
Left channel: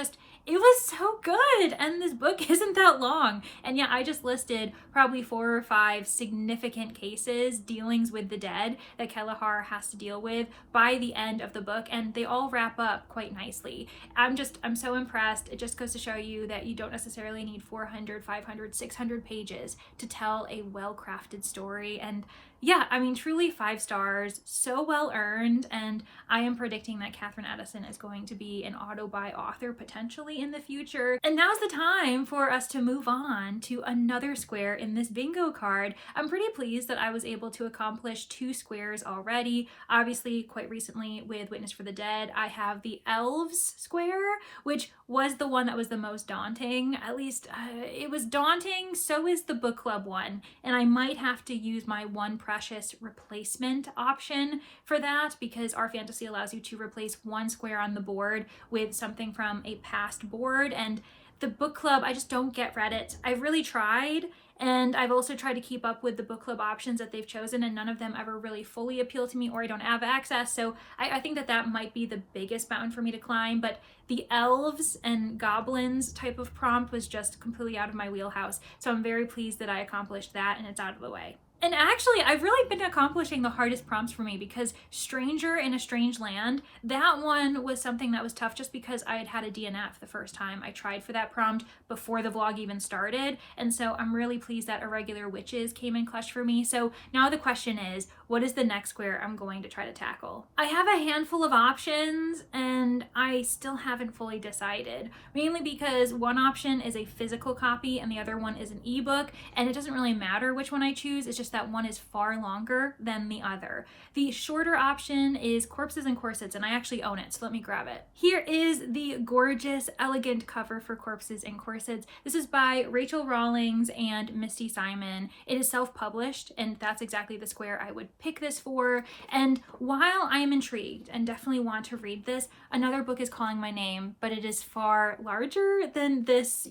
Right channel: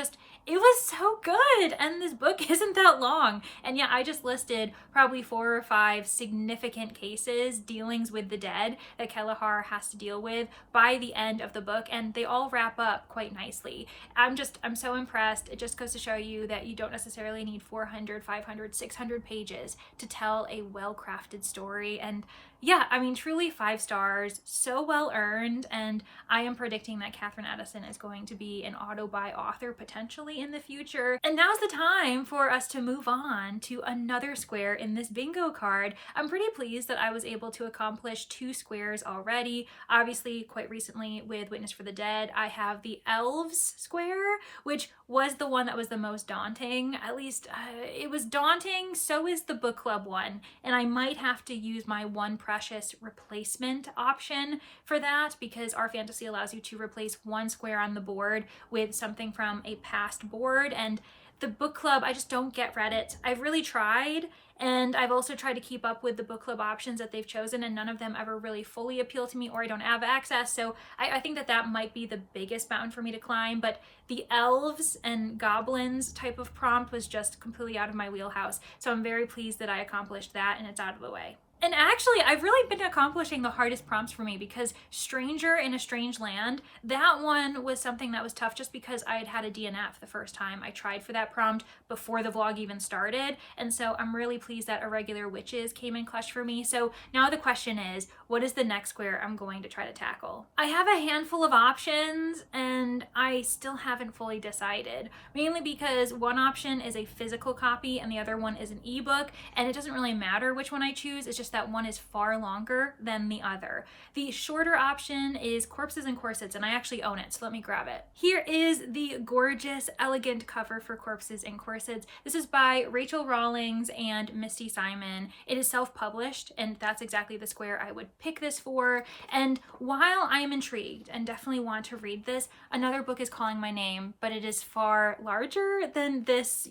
was so good. And this book isn't that long. And yeah, I just listed probably 4 or 5 significant cases, dealings with the dead that Kelahar has to deal with by the end of the book. And they all wrap up quite nicely. I'm so impressed. It just goes to show you that you don't necessarily need 400, 500, 600 pages to tell a well-crafted story. And yeah, I mean, truly 5 stars, so well earned, and I am predicting that Katherine Addison is going to be an auto-buy author potentially in the future. And now's the time for us to move on to another square in this bingo card. I'm pretty pleased that I was able to accomplish 2 squares already. Obviously, quite recently with Witness for the Dead, I have the Elves square, which was the one that was the most daunting. At least it was daunting, so is the book club one, and I might have to use my One Precious replacement option for that, because Our Fantasy allows you to replace 1 square on the board with something from a past board, and the book club, I just don't get Reddit. I've really tried, and I've also tried to keep up with the book club options that they've chosen, and none of them ever really fully appeal to me, or I don't have access. So I think that might be the biggest mountain for me to climb. But the elves and goblins type of prompt was just completely out of my wheelhouse. So I'm very pleased that I accomplished that and it's out of the way. And actually, I've really been accomplishing the hardest prompts for me, because Stranger in a Strange Land, that one was something that was tough just because I had a DNF the first time I tried for that prompt before the vlog even started. And so I'm really pleased that Irregular Witches came in clutch for me. So now the question is, what is the next square I'm going to try to tackle? I have a handful of options and I still haven't fully decided, mainly because one option is a physical copy and the other one is an ebook, and it doesn't really matter which one I choose. It's just that one is far longer than the other. The shorter option is Corpses and Corsets, and I actually own it, so let me grab it. Here is the gorgeous, elegant cover for Corpses and Corsets. This is by Rachel Rawlings and Misty Simon. It is self-published, and that's exactly the square I would pick this for. And while I am intrigued and definitely want to read this, another book is calling my name, but it is far larger than this,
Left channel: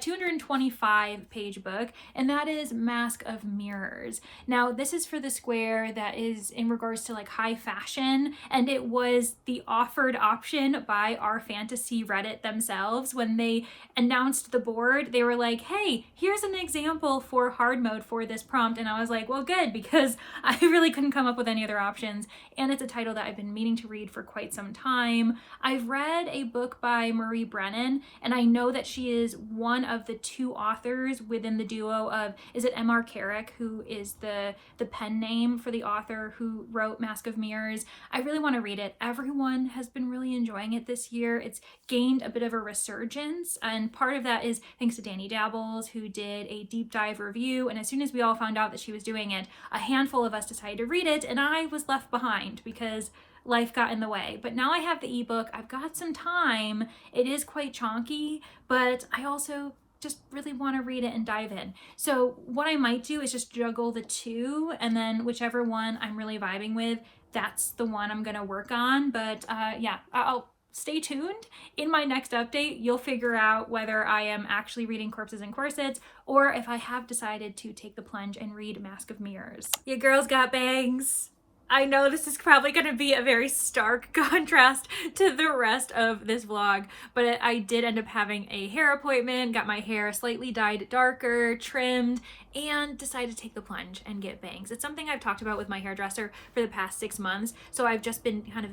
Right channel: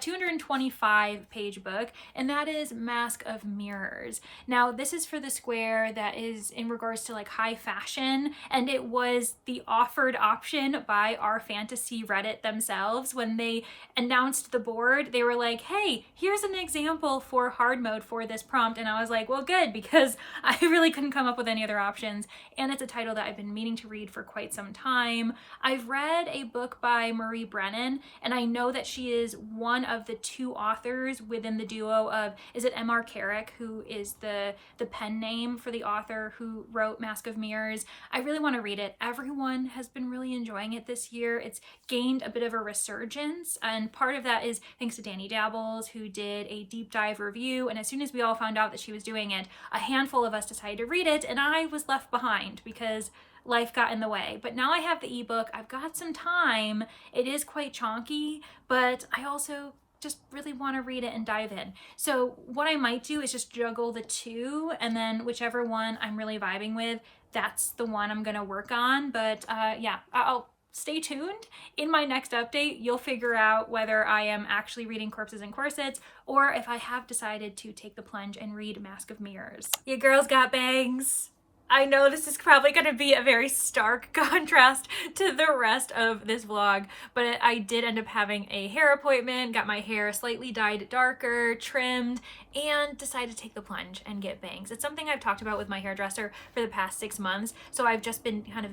225 page book, and that is Mask of Mirrors. Now, this is for the square that is in regards to like high fashion, and it was the offered option by our fantasy Reddit themselves. When they announced the board, they were like, hey, here's an example for hard mode for this prompt, and I was like, well, good, because I really couldn't come up with any other options, and it's a title that I've been meaning to read for quite some time. I've read a book by Marie Brennan, and I know that she is one of the two authors within the duo of, is it M.R. Carrick, who is the pen name for the author who wrote Mask of Mirrors. I really want to read it. Everyone has been really enjoying it this year. It's gained a bit of a resurgence, and part of that is thanks to Danny Dabbles, who did a deep dive review, and as soon as we all found out that she was doing it, a handful of us decided to read it, and I was left behind because life got in the way. But now I have the ebook. I've got some time. It is quite chonky, but I also just really want to read it and dive in. So what I might do is just juggle the two, and then whichever one I'm really vibing with, that's the one I'm gonna work on. But yeah, I'll stay tuned. In my next update, you'll figure out whether I am actually reading Corpses and Corsets or if I have decided to take the plunge and read Mask of Mirrors. Your girl's got bangs. I know this is probably going to be a very stark contrast to the rest of this vlog, but I did end up having a hair appointment, got my hair slightly dyed darker, trimmed, and decided to take the plunge and get bangs. It's something I've talked about with my hairdresser for the past 6 months, so I've just been kind of,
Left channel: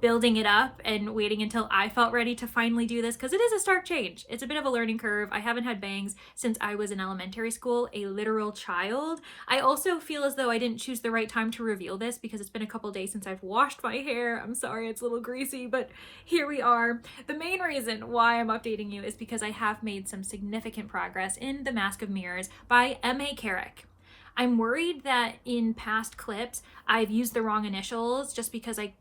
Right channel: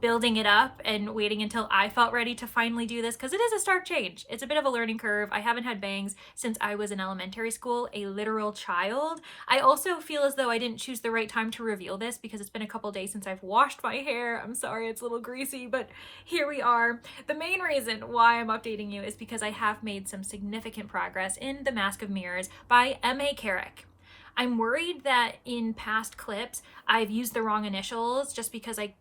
building it up and waiting until I felt ready to finally do this, because it is a stark change. It's a bit of a learning curve. I haven't had bangs since I was in elementary school, a literal child. I also feel as though I didn't choose the right time to reveal this, because it's been a couple days since I've washed my hair. I'm sorry, it's a little greasy, but here we are. The main reason why I'm updating you is because I have made some significant progress in The Mask of Mirrors by M.A. Carrick. I'm worried that in past clips I've used the wrong initials just because I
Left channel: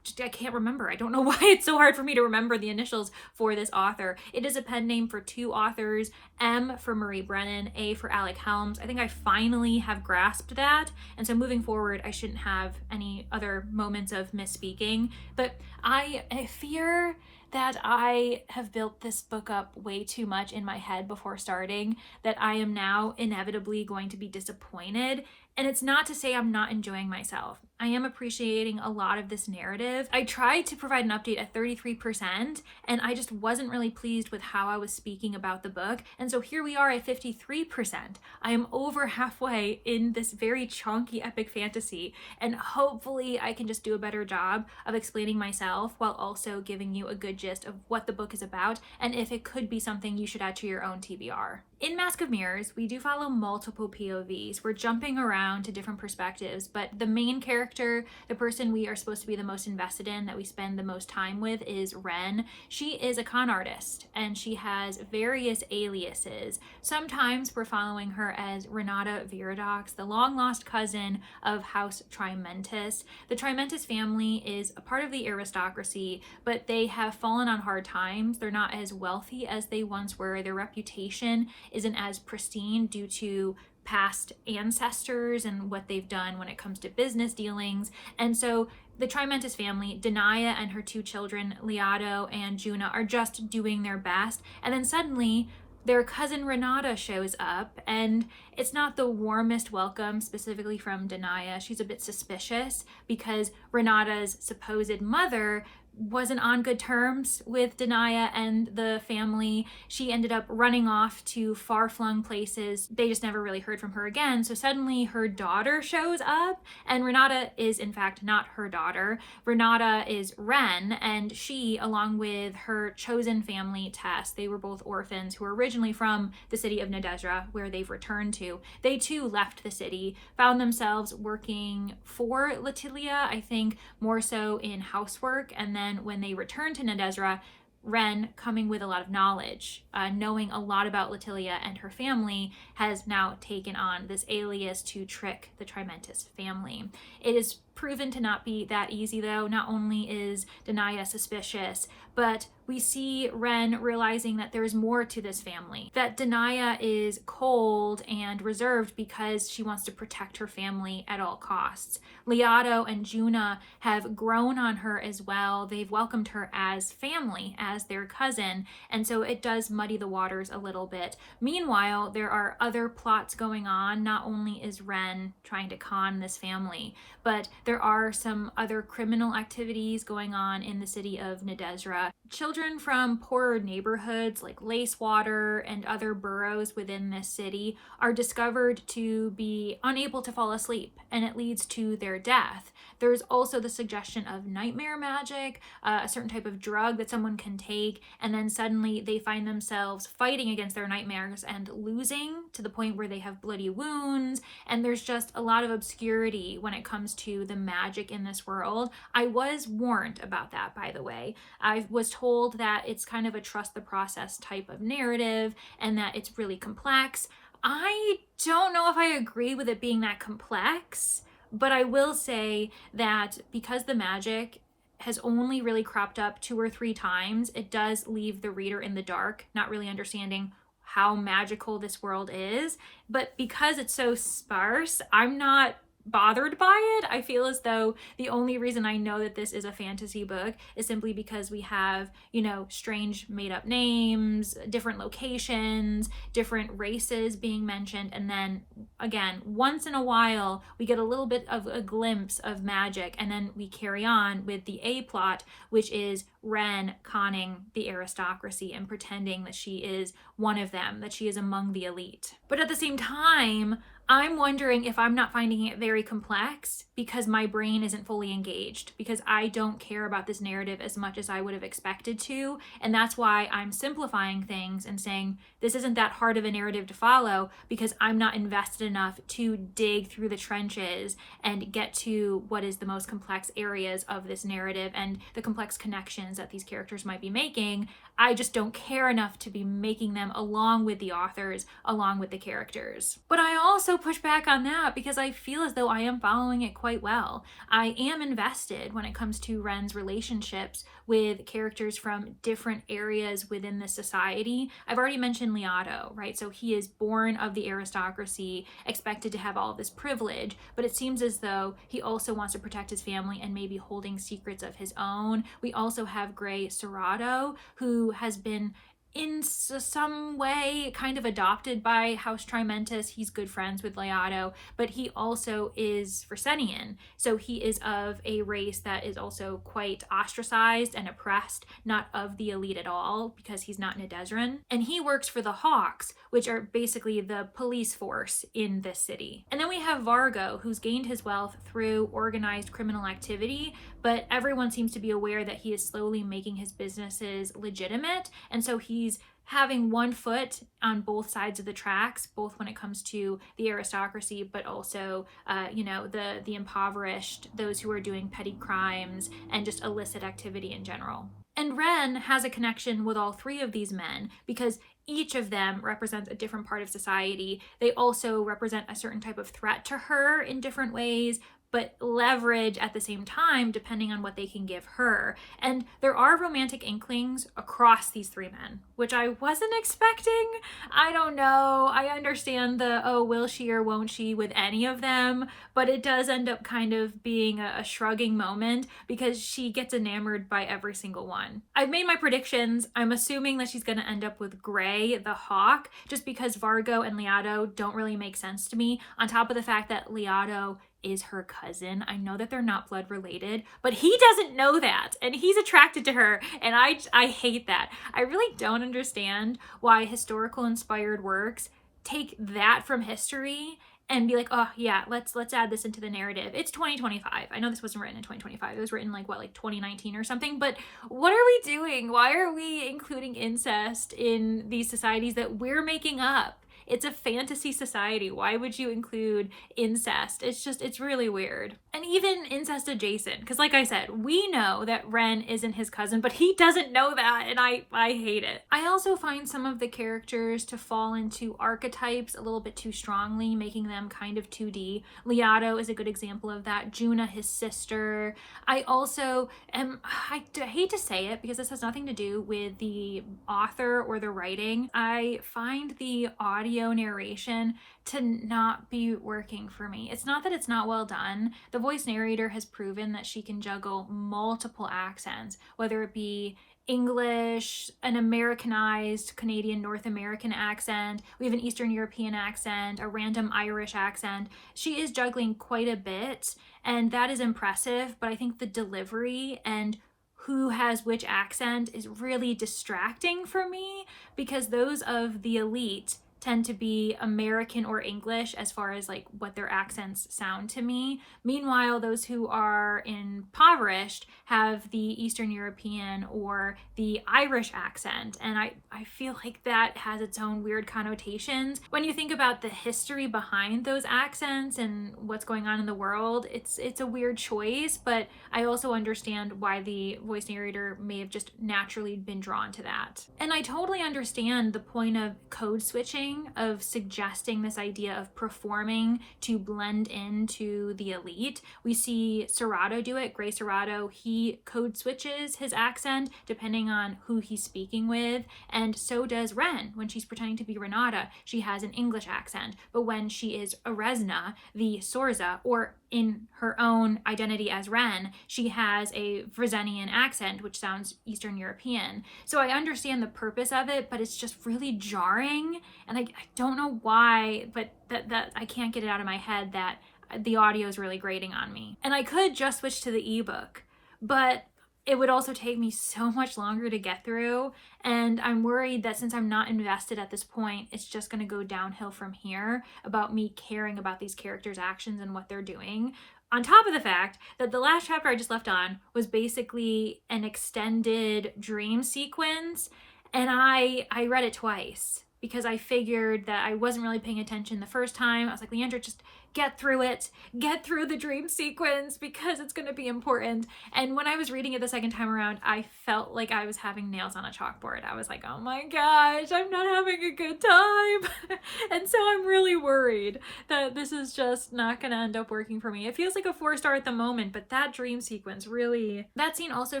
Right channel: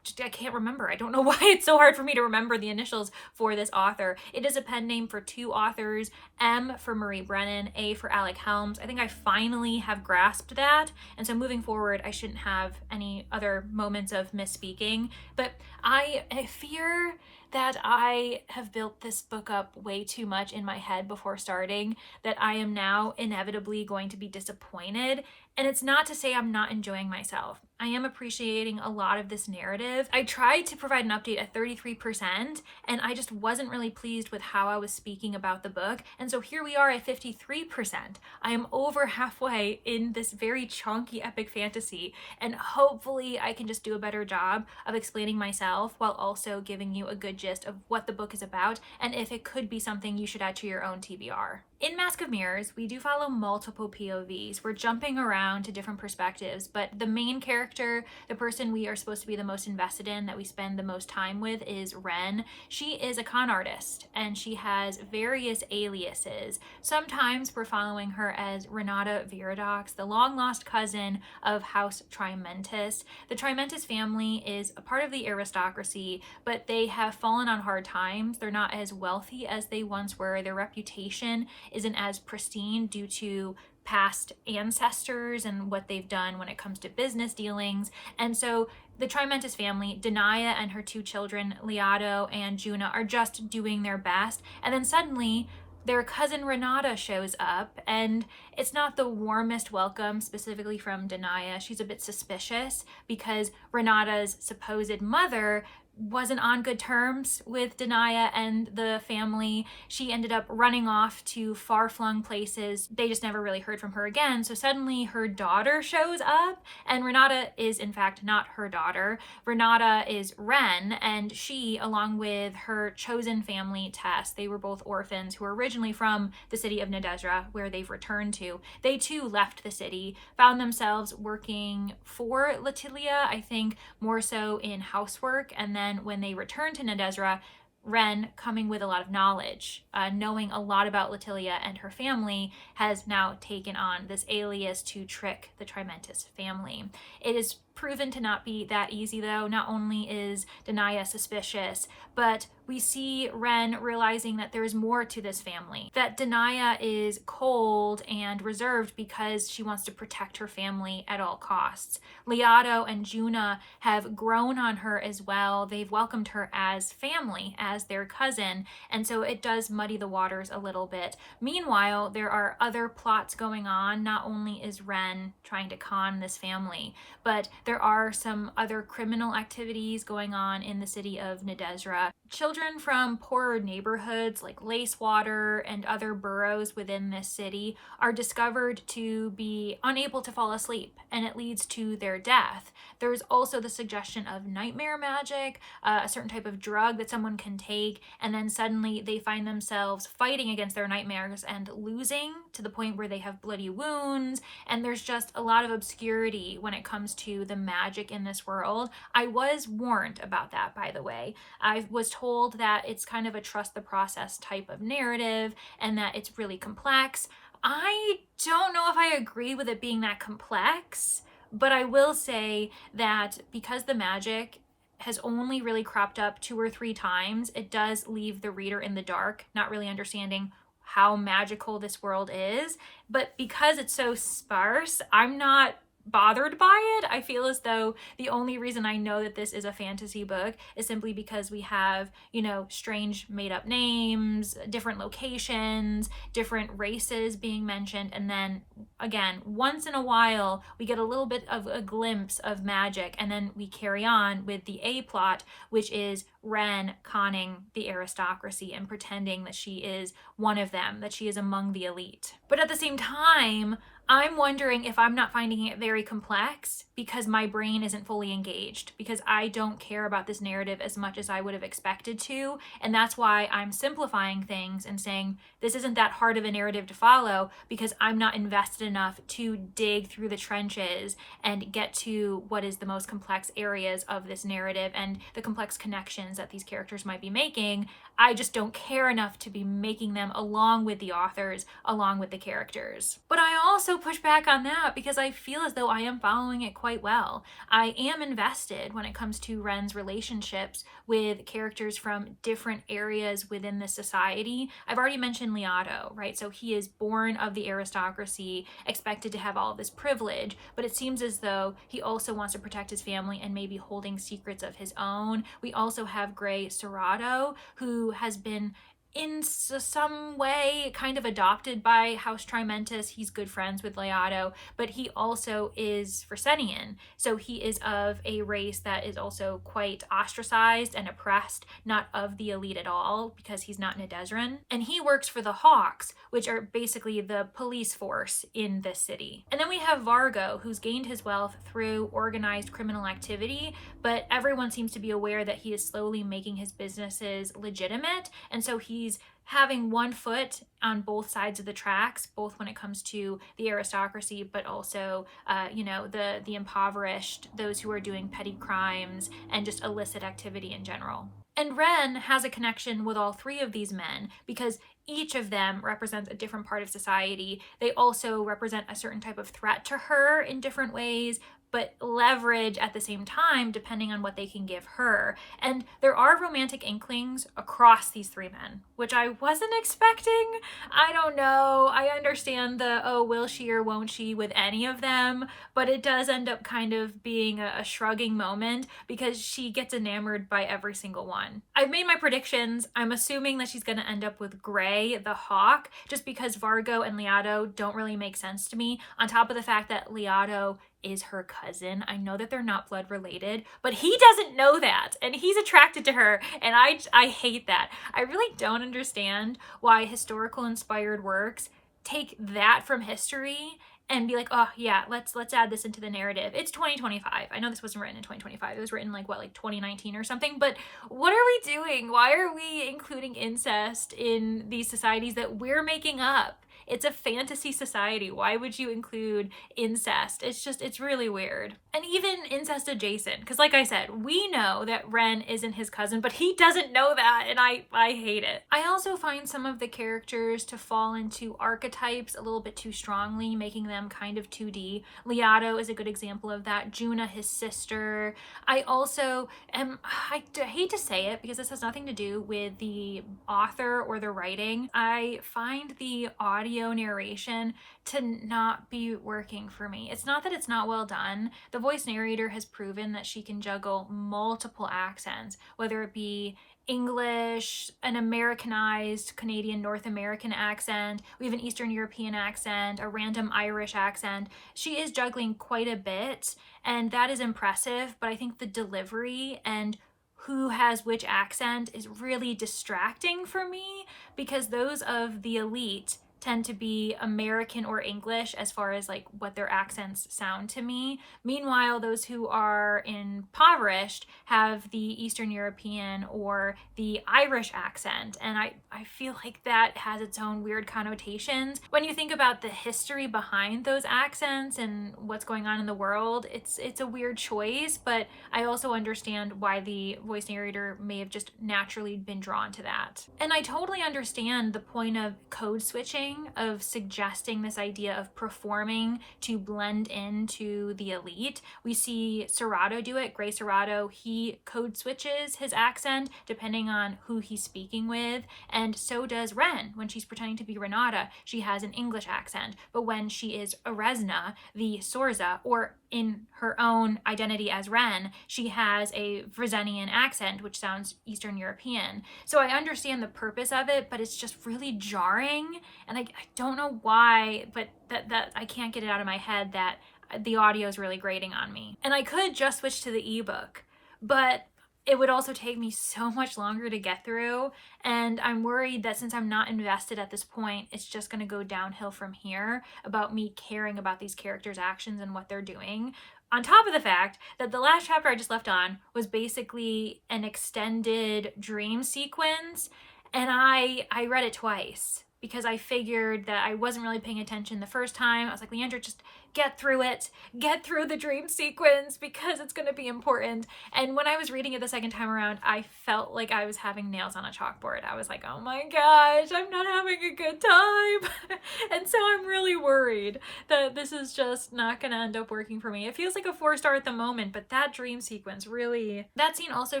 can't remember. I don't know why it's so hard for me to remember the initials for this author. It is a pen name for two authors, M for Marie Brennan, A for Alec Helms. I think I finally have grasped that, and so moving forward I shouldn't have any other moments of misspeaking, but I fear that I have built this book up way too much in my head before starting, that I am now inevitably going to be disappointed. And it's not to say I'm not enjoying myself. I am appreciating a lot of this narrative. I tried to provide an update at 33%, and I just wasn't really pleased with how I was speaking about the book. And so here we are at 53%. I am over halfway in this very chunky epic fantasy, and hopefully I can just do a better job of explaining myself while also giving you a good gist of what the book is about and if it could be something you should add to your own TBR. In Mask of Mirrors, we do follow multiple POVs. We're jumping around to different perspectives, but the main character, the person we are supposed to be the most invested in, that we spend the most time with, is Ren. She is a con artist, and she has various aliases. Sometimes we're following her as Renata Viradox, the long-lost cousin of House Trimentis. The Trimentis family is a part of the aristocracy, but they have fallen on hard times. They're not as wealthy as they once were. Their reputation isn't as pristine due to past ancestors and what they've done when it comes to business dealings. And so the Trimentis family, Denaya and her two children, Liado and Juna, are just doing their best. And then suddenly their cousin Renata shows up, and it's not the warmest welcome, specifically from Denaya. She's a bit suspicious because Renata's supposed mother wasn't on good terms with Denaya and the family. She ended up running off to far-flung places. They just never really heard from her again. So suddenly her daughter shows up, and Renata is in fact not her daughter. Renata is Ren, and she, along with her chosen family, Tess, they were both orphans who were originally from the city of Nedezra, where they've returned to. They too left the city, found themselves working for Latilia, I think more so in housework, and then when they returned to Nedezra, Ren, coming with a lot of knowledge, knowing a lot about Latilia and her family, has now taken on this alias to trick the Trimentis family. It is proven to not be that easy, though. Not only is Denaya suspicious, but we see Ren realizing that there's more to this family, that Denaya is cold and reserved because she wants to protect her family at all costs. Liado and Juna have grown on her as well. They've welcomed her as family, as their cousin, and so it does muddy the waters a little bit. Meanwhile, there are other plots going on. Not only is Ren trying to con this family, but there are some other criminal activities going on in the city of Nedezra. Children from poorer neighborhoods like Lacewater and other boroughs within this city are discovered to be unable to fall asleep, and it leads to their death. There's also the suggestion of nightmare magic, a certain type of drug that someone can take, and then suddenly they find themselves fighting against their nightmares and losing to the point where they have bloody wounds, and there's just a lot of obscurity when it comes to the magic in this world. I was warned about that, by the way. I was told that it's kind of a trust the process type of narrative and that it's really complex. I don't know if I agree with it being that complex, but I will say that because the magic has only really cropped up 2 or 3 times, it does leave the reader in the dark, not really understanding how magical this world is. But because it's so sparse, I'm not bothered by it. I feel as though the only reason I know that this is a fantasy book is simply because we have, you know, strange made up names, different locations, different races being mentioned, and then again, once in a while we get a little bit of a glimpse of magic, and then we carry on with the A plot, which is Ren conning the aristocracy and pretending that she is one of them, that she is among the elite. But at the same time, I'm wondering if I'm not finding it very complex because my brain isn't fully engaged, because I don't care about this narrative as much as I would have expected to. And that's why I'm simplifying things and saying this isn't that hard of a narrative to follow, because I'm not invested enough to dig through the trenches and get to what is the most complex areas of this narrative and the complex connections that these characters might be making. I just don't care enough to be making them along with the authors, along with the characters. But I also push back on that because I feel as though I am following it quite well. I am invested when it comes to Ren's relationships with characters from different areas within the society. I've already mentioned Liado, right? So he is born of the aristocracy, expected to have all of this privilege, but it seems as though he also wants to protect his family and maybe holding secrets of his own. We also have Gray Serrato, who has been in some way kind of adopted by House Trimentis. He's good friends with Liado, but he also is Fresenian. So he is of a race that is also quite ostracized and oppressed, not of the elite at all, because he's not Nedezran. And he works for the Hawks, which are basically the police force in this city. And then we have Vargo, who's gained his wealth through organized criminal activity, but everyone seems to be aware that he is slowly making his businesses legitimate. And so he's having one foot on both sides of the tracks, both when it comes to the aristocracy, but also, the impoverished, those who are doing petty crimes and just illicit activity in general. And Ren has a connection with all 3 of these men because each of them represents a different part of society. They also represent a certain type of threat to her in different ways, but leverage at the same time depending on what they can give her. And there are romantic inklings across these 3 men, which I wasn't expecting. I don't know. I understand the, oh, will she or won't she with any of them, but it does end up kind of being a shrugging moment because she gets enamored by every single one. I've made my predictions. I'm assuming that she's going to end up with Gray, the Hawk, just because Vargo and Liado don't really make sense to me, on top of the fact that Liado is her cousin. I know that they're not blood related, but he doesn't know that, and he's attracted to her, and I hate that. I really don't understand why historical inspired works take that from history and be like, oh yeah, let's add this into the narrative. It's 2025. I know this wasn't written in 2025. It was written like 2019 or something, but what are we doing? Why are we including incest in these societies that we're making up? It's a fantasy society. Why would you include incest? It's really weird. And even incest adjacent, because like I said, we know that Ren isn't his cousin, but he doesn't know that, and I hate it. I also find some of the characters to fall into archetypes a little bit too strongly, making them kind of 2D. Liato is a good example of that. Juna, his sister. I also I hate to say it because this has nothing to do with the author or the writing. I find the audio narration to not be working for me. It's not that it's not well done. The voice narrator has proven that she can juggle multiple accents, whether it be English, an Americanized Canadian North American accent, we have an Eastern European accent, a random Irish accent. She is juggling quite a bit, and that is impressive, but I think the delivery and who has which accent is really distracting for me, because those of the elite tend to be American or English as far as like what their accents sound to me. Meanwhile, those who are impoverished have the Eastern European or the Irish accent. And I feel like that has its own weird connotations. When you think about the history behind those accents and what's going on in the world, it's a weird choice, but I also understand why the voice narrator may have just naturally been drawn to that. And I totally understand the point of code switching, of suggesting this idea of performing to blend into the elite. We see Serato do it. Gray Serato, he code switches his accent depending on who he's speaking with, and so does Ren. When she's pretending to be Renata, she has an English accent, but when she is Eresna, the Sorza, or in her own identity as Ren, she has a Vrzenian accent, which sounds Eastern European. So I understand the purpose of it, but it's just really jarring, and I don't know why, but that I can't get it out of my head that the audio is really grating on me. And I could just switch to the ebook, but it would also take me so much longer to get through, and I'm worried that since I'm not invested at this point, it's just going to go downhill from here about me caring about these characters' actions and what they're doing. On top of the fact that the last chapter I just left on was basically an extended dream sequence, and I read it twice because I figured that I wasn't really paying attention the first time. I was like, Leandra, just get through it. Get through the dream sequence because it's going to be important. And when I was reading it the second time around, I felt like I was having nails on a chalkboard. I was like, oh my gosh, I'm not having a good time. And so I'm really worried that this is just not going to end up working for me. It feels like a 4-star at the moment, but that dream sequence really... That scene also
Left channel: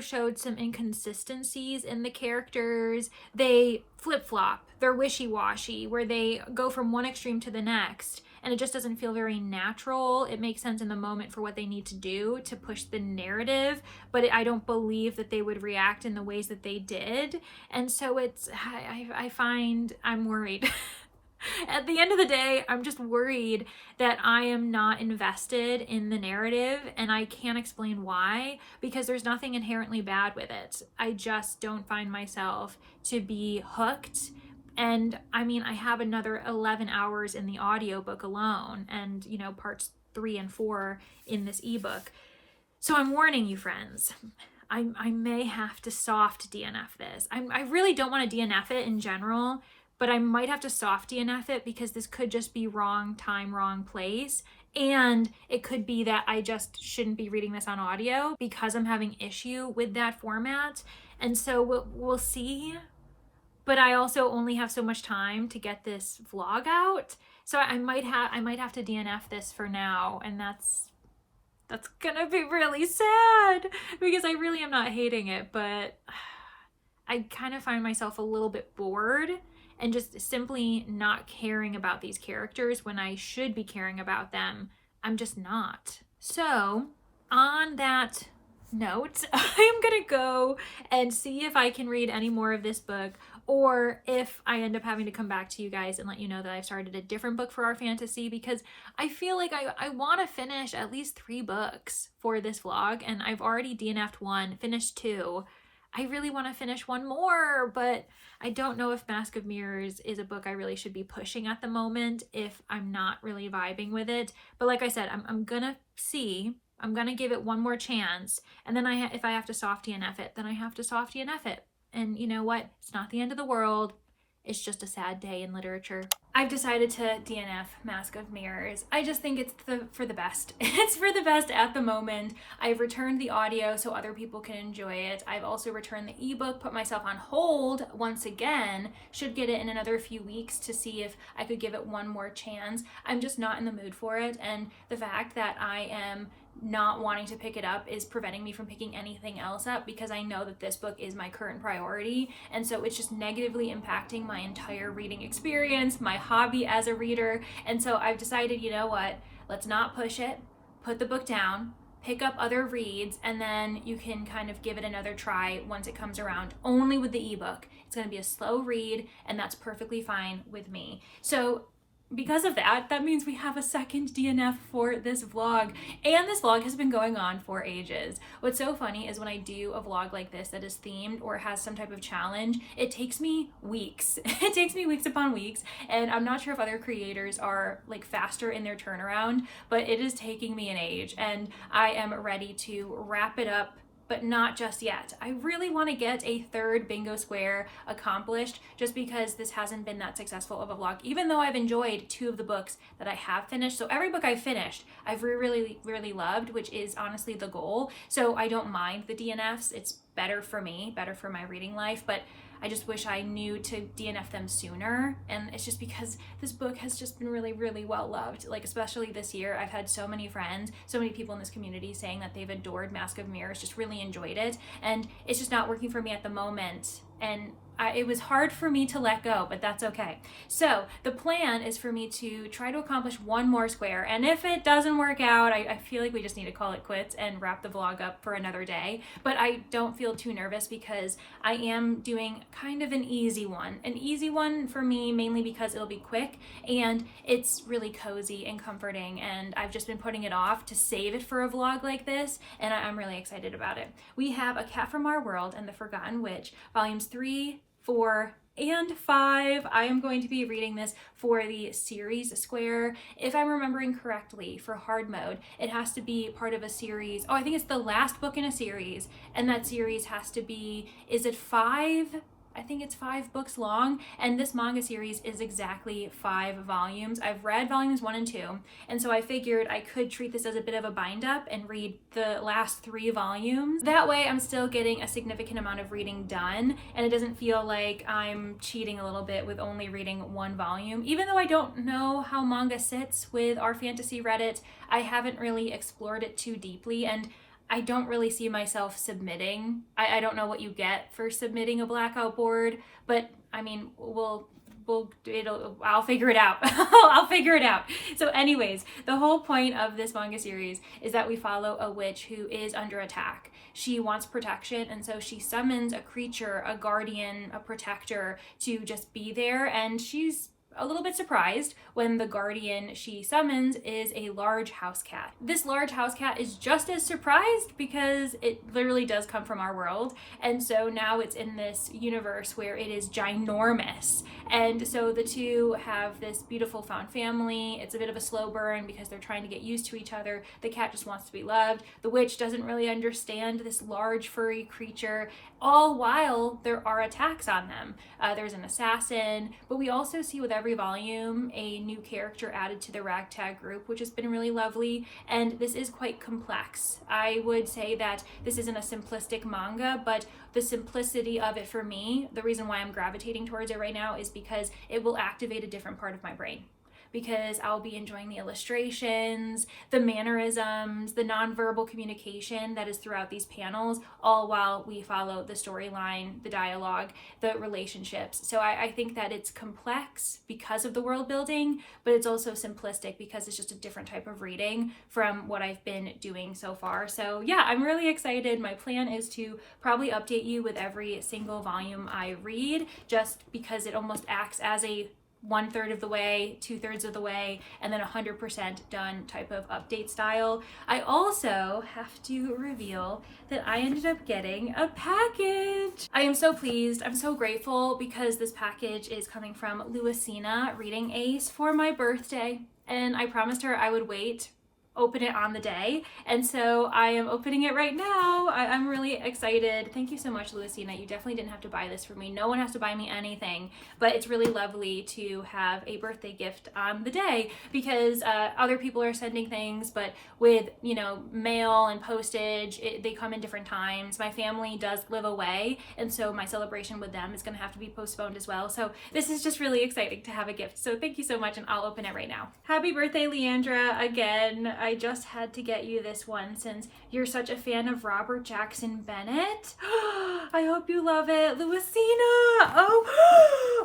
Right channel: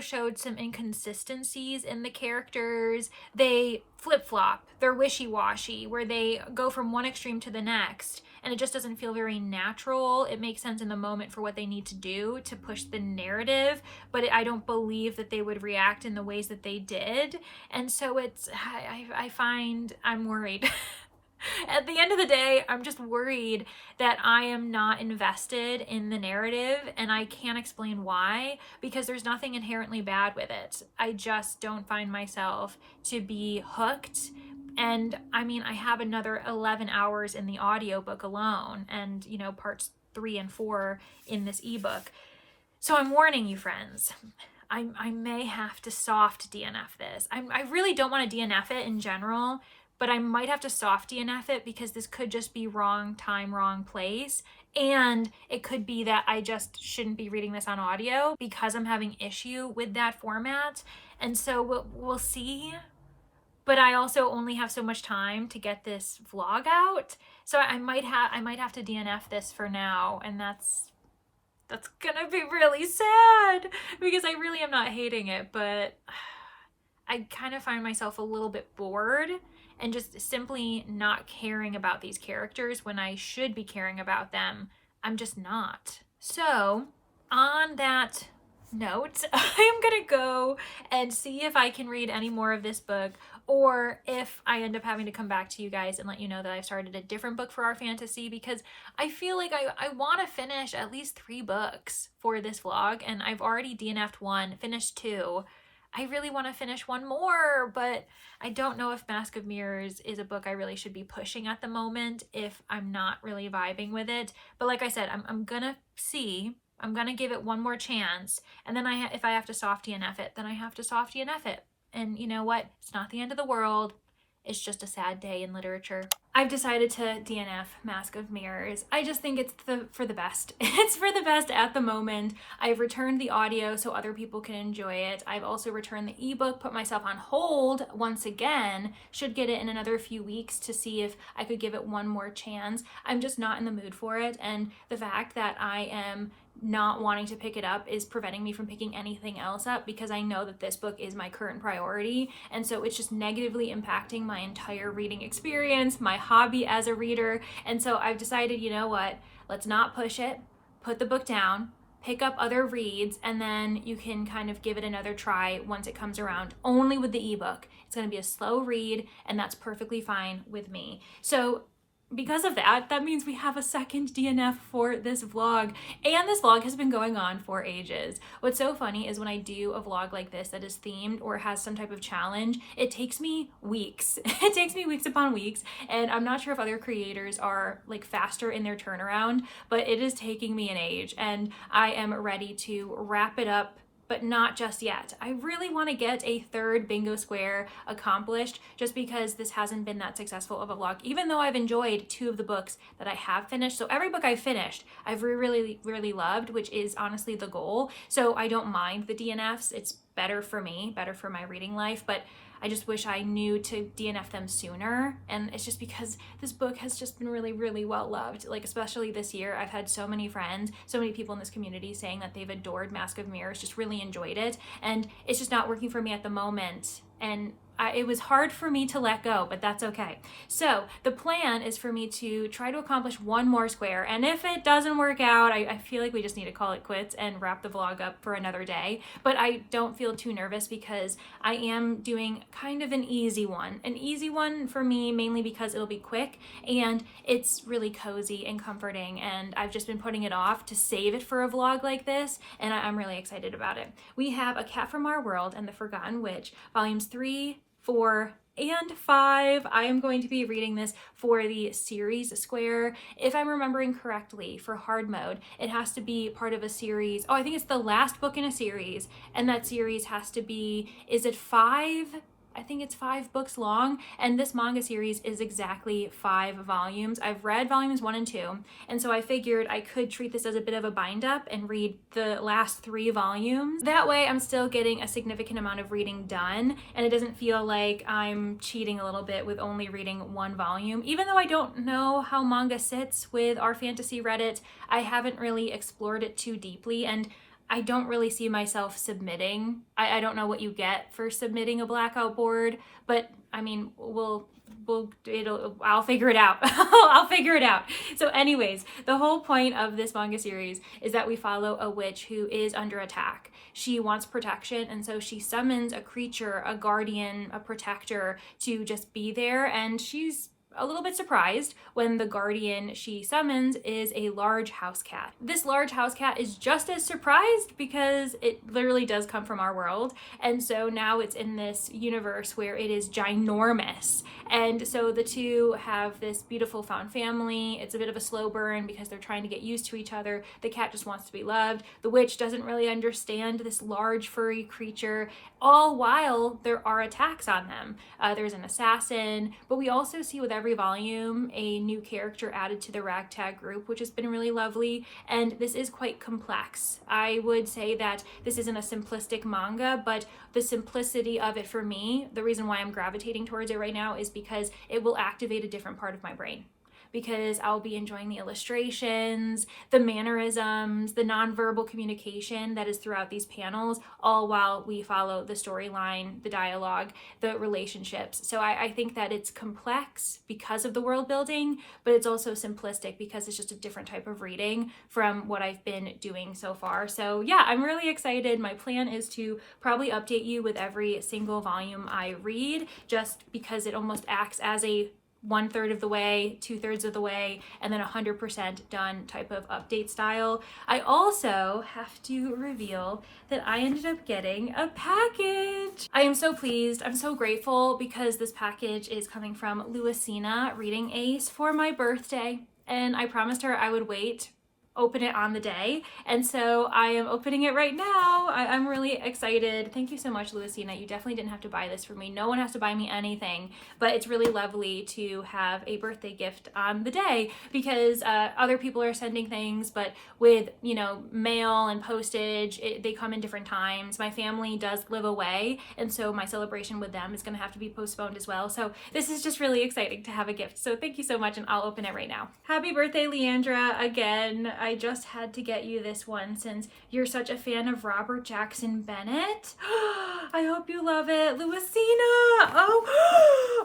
showed some inconsistencies in the characters. They flip-flop. They're wishy-washy, where they go from one extreme to the next, and it just doesn't feel very natural. It makes sense in the moment for what they need to do to push the narrative, but I don't believe that they would react in the ways that they did. And so I find I'm worried. At the end of the day, I'm just worried that I am not invested in the narrative, and I can't explain why, because there's nothing inherently bad with it. I just don't find myself to be hooked. And I mean, I have another 11 hours in the audiobook alone, and you know, parts 3 and 4 in this ebook. So I'm warning you, friends. I may have to soft DNF this. I really don't want to DNF it in general, but I might have to soft DNF it because this could just be wrong time, wrong place. And it could be that I just shouldn't be reading this on audio because I'm having issue with that format. And so we'll see. But I also only have so much time to get this vlog out. So I might have to DNF this for now, and that's gonna be really sad because I really am not hating it, but I kind of find myself a little bit bored and just simply not caring about these characters when I should be caring about them. I'm just not. So on that note, I am gonna go and see if I can read any more of this book, or if I end up having to come back to you guys and let you know that I've started a different book for our fantasy, because I feel like I want to finish at least 3 books for this vlog, and I've already DNF'd 1, finished 2. I really want to finish 1 more, but I don't know if Mask of Mirrors is a book I really should be pushing at the moment if I'm not really vibing with it. But like I said, I'm gonna see. I'm gonna give it 1 more chance, and then if I have to soft DNF it, then I have to soft DNF it. And you know what? It's not the end of the world. It's just a sad day in literature. I've decided to DNF Mask of Mirrors. I just think it's for the best. It's for the best at the moment. I've returned the audio so other people can enjoy it. I've also returned the ebook, put myself on hold once again. Should get it in another few weeks to see if I could give it 1 more chance. I'm just not in the mood for it, and the fact that I am not wanting to pick it up is preventing me from picking anything else up, because I know that this book is my current priority, and so it's just negatively impacting my entire reading experience, my hobby as a reader. And so I've decided, you know what, let's not push it, put the book down, pick up other reads, and then you can kind of give it another try once it comes around, only with the ebook. It's going to be a slow read, and that's perfectly fine with me. So because of that, that means we have a second DNF for this vlog, and this vlog has been going on for ages. What's so funny is when I do a vlog like this that is themed or has some type of challenge, it takes me weeks. It takes me weeks upon weeks, and I'm not sure if other creators are like faster in their turnaround, but it is taking me an age, and I am ready to wrap it up, but not just yet. I really want to get a 3rd bingo square accomplished, just because this hasn't been that successful of a vlog, even though I've enjoyed 2 of the books that I have finished. So every book I've finished, I've really loved, which is honestly the goal. So I don't mind the DNFs. It's better for me, better for my reading life, but I just wish I knew to DNF them sooner. And it's just because this book has just been really well loved. Like, especially this year, I've had so many friends, so many people in this community saying that they've adored Mask of Mirrors, just really enjoyed it. And it's just not working for me at the moment. And it was hard for me to let go, but that's okay. So the plan is for me to try to accomplish 1 more square. And if it doesn't work out, I feel like we just need to call it quits and wrap the vlog up for another day. But I don't feel too nervous, because I am doing kind of an easy one. An easy one for me, mainly because it'll be quick and it's really cozy and comforting. And I've just been putting it off to save it for a vlog like this, and I'm really excited about it. We have A Cat from Our World and The Forgotten Witch, volumes 3, 4, and 5. I am going to be reading this for the series square. If I'm remembering correctly, for hard mode, it has to be part of a series. Oh, I think it's the last book in a series, and that series has to be, is it 5? I think it's 5 books long, and this manga series is exactly 5 volumes. I've read volumes 1 and 2, and so I figured I could treat this as a bit of a bind up and read the last 3 volumes. That way I'm still getting a significant amount of reading done, and it doesn't feel like I'm cheating a little bit with only reading 1 volume. Even though I don't know how manga sits with our fantasy Reddit, I haven't really explored it too deeply, and I don't really see myself submitting. I don't know what you get for submitting a blackout board, but I mean, I'll figure it out. I'll figure it out. So anyways, the whole point of this manga series is that we follow a witch who is under attack. She wants protection, and so she summons a creature, a guardian, a protector, to just be there, and she's a little bit surprised when the guardian she summons is a large house cat. This large house cat is just as surprised, because it literally does come from our world, and so now it's in this universe where it is ginormous. And so the two have this beautiful found family. It's a bit of a slow burn because they're trying to get used to each other. The cat just wants to be loved. The witch doesn't really understand this large furry creature, all while there are attacks on them. There's an assassin, but we also see with every volume a new character added to the ragtag group, which has been really lovely. And this is quite complex. I would say that this isn't a simplistic manga, but the simplicity of it for me, the reason why I'm gravitating towards it right now, is because it will activate a different part of my brain. because I'll be enjoying the illustrations, the mannerisms, the nonverbal communication that is throughout these panels, all while we follow the storyline, the dialogue, the relationships. So I think that it's complex because of the world building, but it's also simplistic because it's just a different type of reading from what I've been doing so far. So yeah, I'm really excited. My plan is to probably update you with every single volume I read, just because it almost acts as a 1/3 of the way, 2/3 of the way, and then 100% done type of update style. I also have to reveal that I ended up getting a package. I am so pleased. I'm so grateful because this package is coming from Luisina Reading Ace for my birthday. And I promised her I would open it on the day, and so I am opening it right now. I'm really excited. Thank you so much, Luisina. You definitely didn't have to buy this for me. No one has to buy me anything, but it's really lovely to have a birthday gift on the day, because other people are sending things, but with, you know, mail and postage, they come in different times. My family does live away, and so my celebration with them is going to have to be postponed as well. So this is just really exciting to have a gift. So thank you so much, and I'll open it right now. Happy birthday, Leandra. Again, I just had to get you this one since you're such a fan of Robert Jackson Bennett. I hope you love it. Luisina!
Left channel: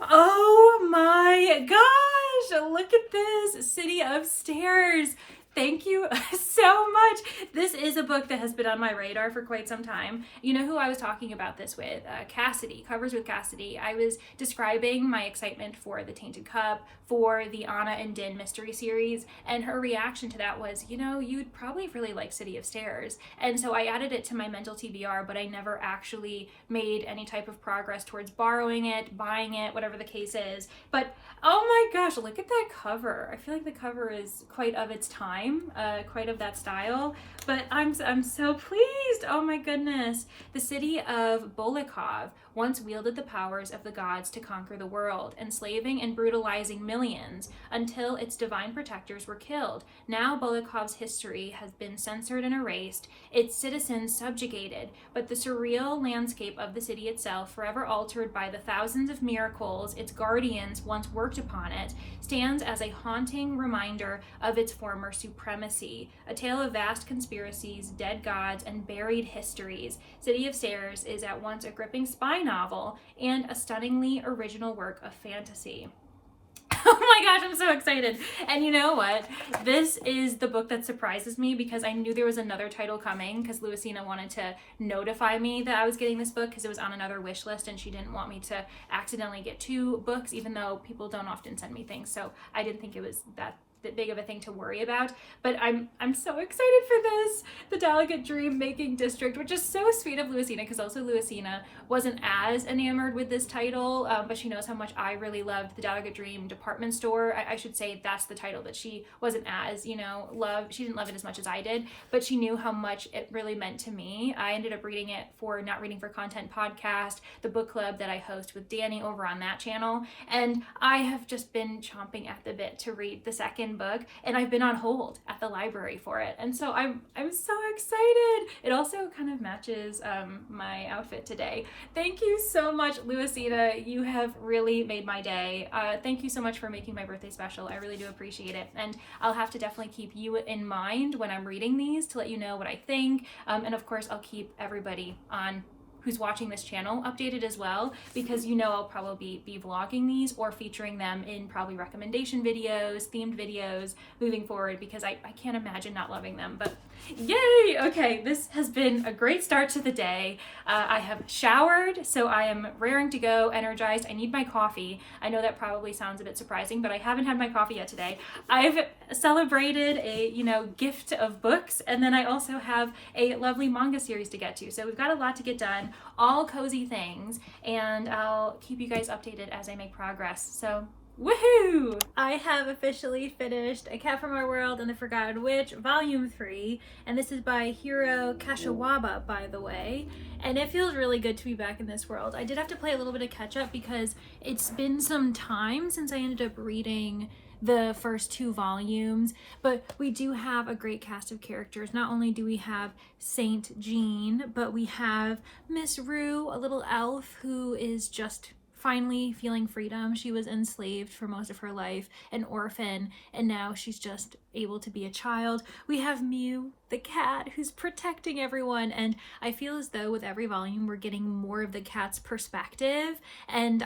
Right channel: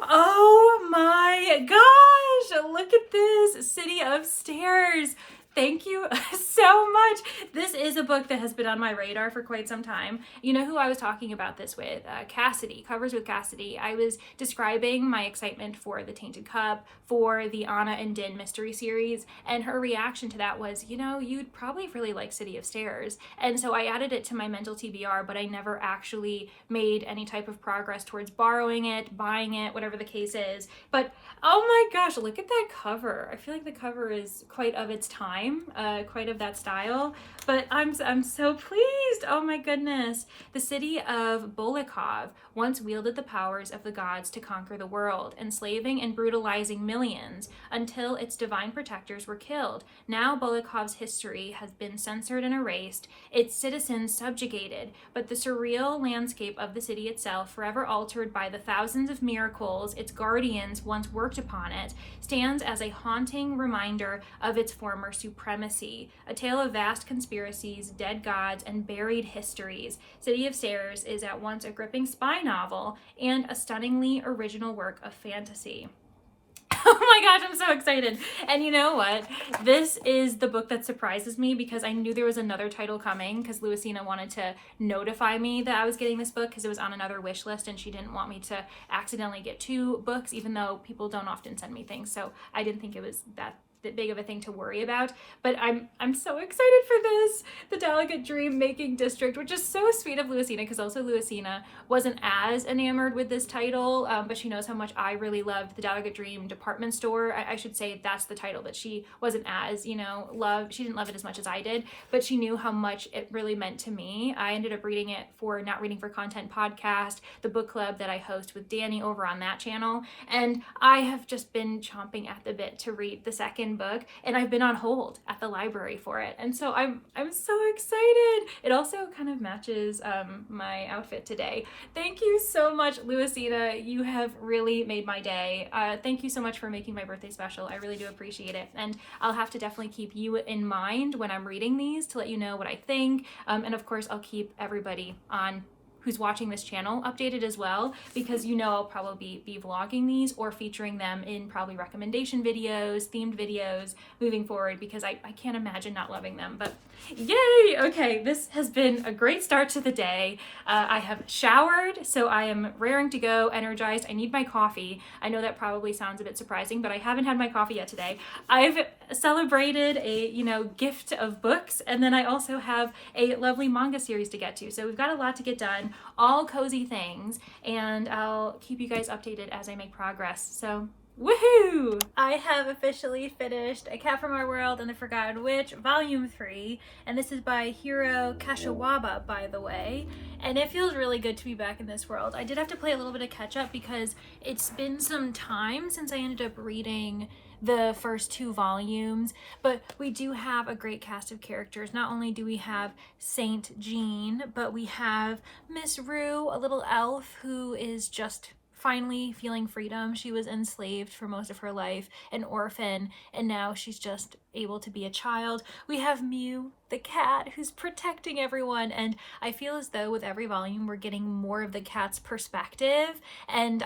Oh my gosh! Look at this! City of Stairs. Thank you so much. This is a book that has been on my radar for quite some time. You know who I was talking about this with? Cassidy, Covers with Cassidy. I was describing my excitement for The Tainted Cup, for the Anna and Din mystery series, and her reaction to that was, you know, you'd probably really like City of Stairs. And so I added it to my mental TBR, but I never actually made any type of progress towards borrowing it, buying it, whatever the case is. But oh my gosh, look at that cover. I feel like the cover is quite of its time, quite of that style, but I'm so pleased. Oh my goodness. The city of Bolikov once wielded the powers of the gods to conquer the world, enslaving and brutalizing millions until its divine protectors were killed. Now Bolikov's history has been censored and erased, its citizens subjugated, but the surreal landscape of the city itself, forever altered by the thousands of miracles its guardians once worked upon it, stands as a haunting reminder of its former supremacy. A tale of vast conspiracies, dead gods, and buried histories. City of Stairs is at once a gripping spy novel and a stunningly original work of fantasy. Oh my gosh, I'm so excited. And you know what? This is the book that surprises me because I knew there was another title coming because Luisina wanted to notify me that I was getting this book because it was on another wish list and she didn't want me to accidentally get 2 books, even though people don't often send me things. So I didn't think it was that big of a thing to worry about, but I'm so excited for this. The Delicate Dream Making District, which is so sweet of Luisina, because also Luisina wasn't as enamored with this title, but she knows how much I really loved The Delicate Dream Department Store. I should say that's the title that she wasn't as, you know, she didn't love it as much as I did, but she knew how much it really meant to me. I ended up reading it for Not Reading for Content podcast, the book club that I host with Danny over on that channel, and I have just been chomping at the bit to read the second book, and I've been on hold at the library for it, and so I'm so excited. It also kind of matches my outfit today. Thank you so much, Luisina. You have really made my day. Thank you so much for making my birthday special. I really do appreciate it, and I'll have to definitely keep you in mind when I'm reading these to let you know what I think, and of course I'll keep everybody on who's watching this channel updated as well, because you know I'll probably be vlogging these or featuring them in probably recommendation videos, themed videos moving forward, because I can't imagine not loving them. But yay! Okay, this has been a great start to the day. I have showered, so I am raring to go, energized. I need my coffee. I know that probably sounds a bit surprising, but I haven't had my coffee yet today. I've celebrated a, you know, gift of books, and then I also have a lovely manga series to get to. So we've got a lot to get done, all cozy things, and I'll keep you guys updated as I make progress. So woohoo! I have officially finished A Cat from Our World and the Forgotten Witch, Volume 3, and this is by Hiro Kashiwaba, by the way, and it feels really good to be back in this world. I did have to play a little bit of catch up because it's been some time since I ended up reading the first 2 volumes, but we do have a great cast of characters. Not only do we have Saint Jean, but we have Miss Rue, a little elf who is just finally feeling freedom. She was enslaved for most of her life, an orphan, and now she's just able to be a child. We have Mew, the cat, who's protecting everyone, and I feel as though with every volume we're getting more of the cat's perspective, and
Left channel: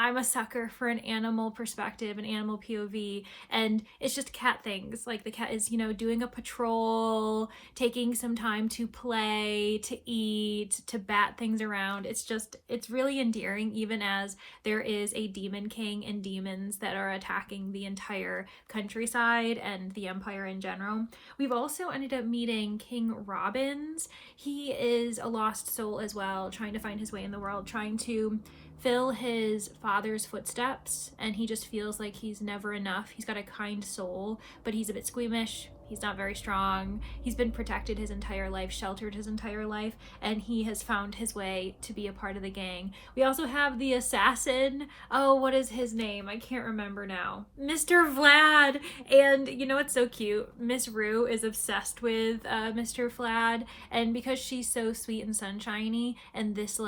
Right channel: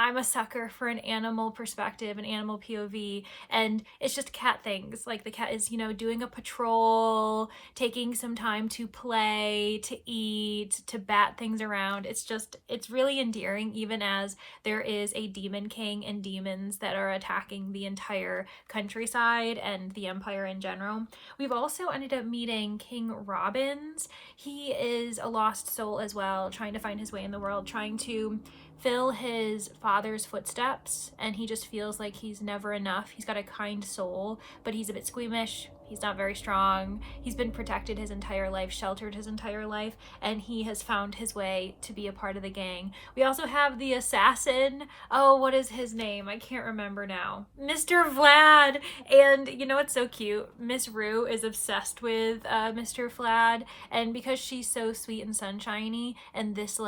I'm a sucker for an animal perspective, an animal POV, and it's just cat things. Like the cat is, doing a patrol, taking some time to play, to eat, to bat things around. It's really endearing, even as there is a demon king and demons that are attacking the entire countryside and the empire in general. We've also ended up meeting King Robbins. He is a lost soul as well, trying to find his way in the world, trying to fill his father's footsteps, and he just feels like he's never enough. He's got a kind soul, but he's a bit squeamish. He's not very strong. He's been protected his entire life, sheltered his entire life, and he has found his way to be a part of the gang. We also have the assassin. Oh, what is his name? I can't remember now. Mr. Vlad. And you know what's so cute? Miss Rue is obsessed with Mr. Vlad, and because she's so sweet and sunshiny, and this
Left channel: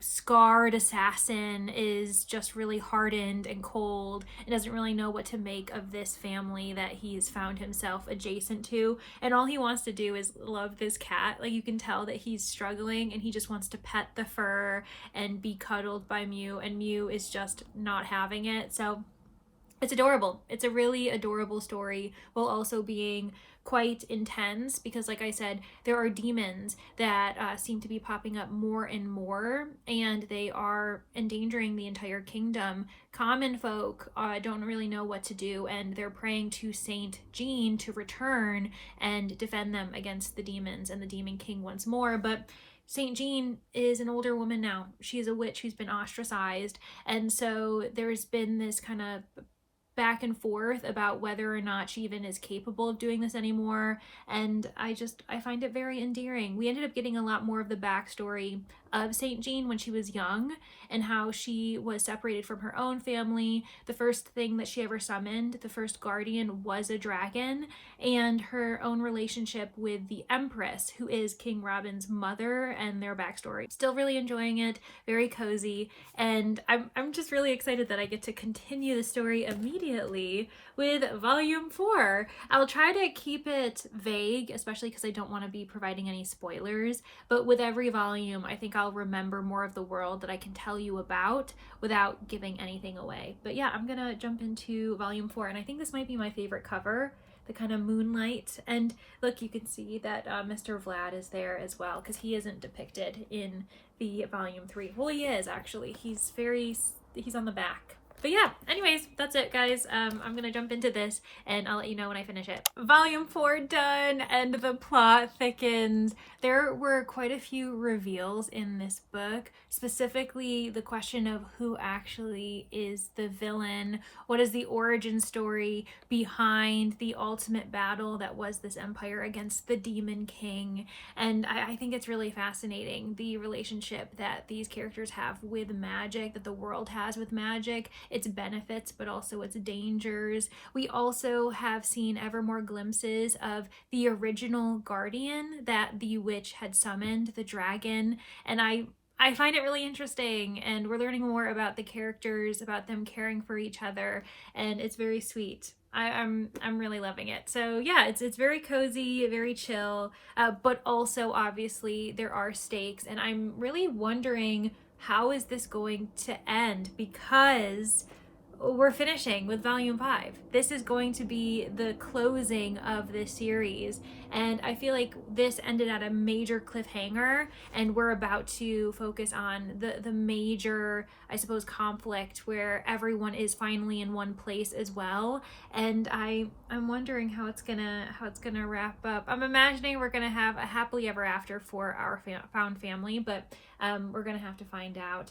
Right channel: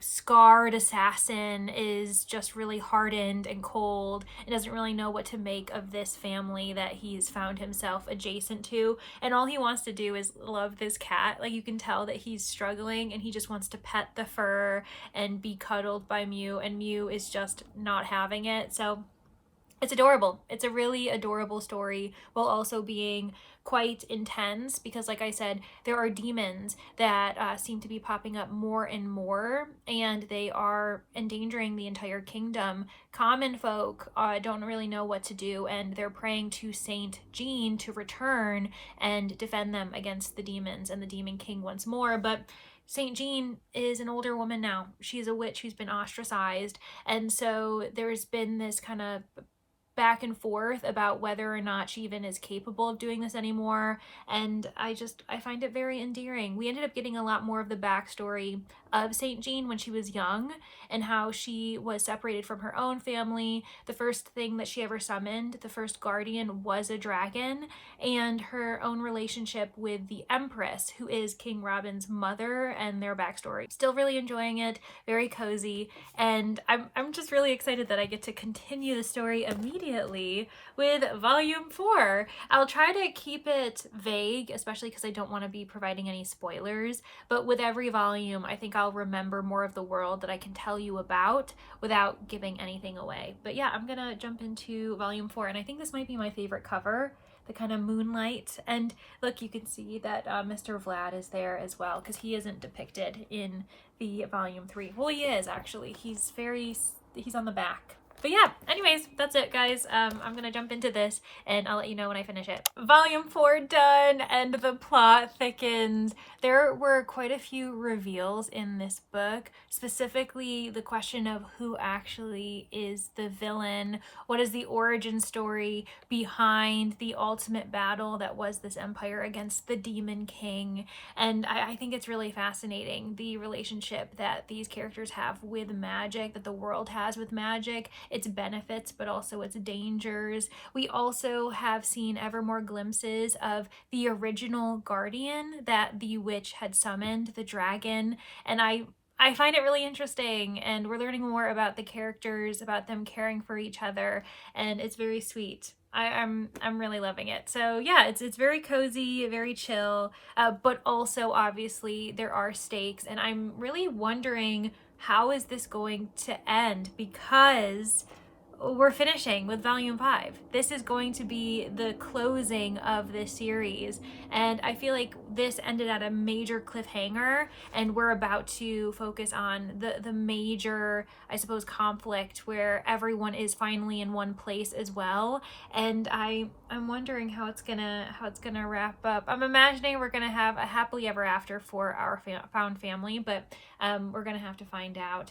scarred assassin is just really hardened and cold and doesn't really know what to make of this family that he's found himself adjacent to. And all he wants to do is love this cat. Like, you can tell that he's struggling and he just wants to pet the fur and be cuddled by Mew, and Mew is just not having it. So it's adorable. It's a really adorable story while also being quite intense, because like I said, there are demons that seem to be popping up more and more, and they are endangering the entire kingdom. Common folk don't really know what to do, and they're praying to Saint Jean to return and defend them against the demons and the Demon King once more. But Saint Jean is an older woman now. She's a witch who's been ostracized, and so there's been this kind of back and forth about whether or not she even is capable of doing this anymore, and I find it very endearing. We ended up getting a lot more of the backstory of Saint Jean when she was young, and how she was separated from her own family. The first thing that she ever summoned, the first guardian, was a dragon, and her own relationship with the Empress, who is King Robin's mother, and their backstory. Still really enjoying it, very cozy, and I'm just really excited that I get to continue the story immediately with volume 4. I'll try to keep it vague, especially because I don't want to be providing any spoilers, but with every volume I think I'll remember more of the world that I can tell you about without giving anything away. But yeah, I'm gonna jump into volume 4, and I think this might be my favorite cover, the kind of moonlight. And look, you can see that Mr. Vlad is there as well, because he isn't depicted in the volume 3. Well, he is actually. He's on the back. But yeah, anyways, that's it, guys. I'm gonna jump into this and I'll let you know when I finish it. Volume 4 done, and the plot thickens. There were quite a few reveals in this book, specifically the question of who actually is the villain. What is the origin story behind the ultimate battle that was this empire against the Demon King? And I think it's really fascinating, the relationship that these characters have with magic, that the world has with magic, its benefits, but also its dangers. We also have seen ever more glimpses of the original guardian that the witch had summoned, the dragon, and I find it really interesting, and we're learning more about the characters, about them caring for each other, and it's very sweet. I'm really loving it. So yeah, it's very cozy, very chill, but also obviously there are stakes, and I'm really wondering how is this going to end, because we're finishing with volume 5. This is going to be the closing of this series, and I feel like this ended at a major cliffhanger, and we're about to focus on the major, I suppose, conflict where everyone is finally in one place as well. And I'm wondering how it's gonna wrap up. I'm imagining we're gonna have a happily ever after for our found family, but we're gonna have to find out.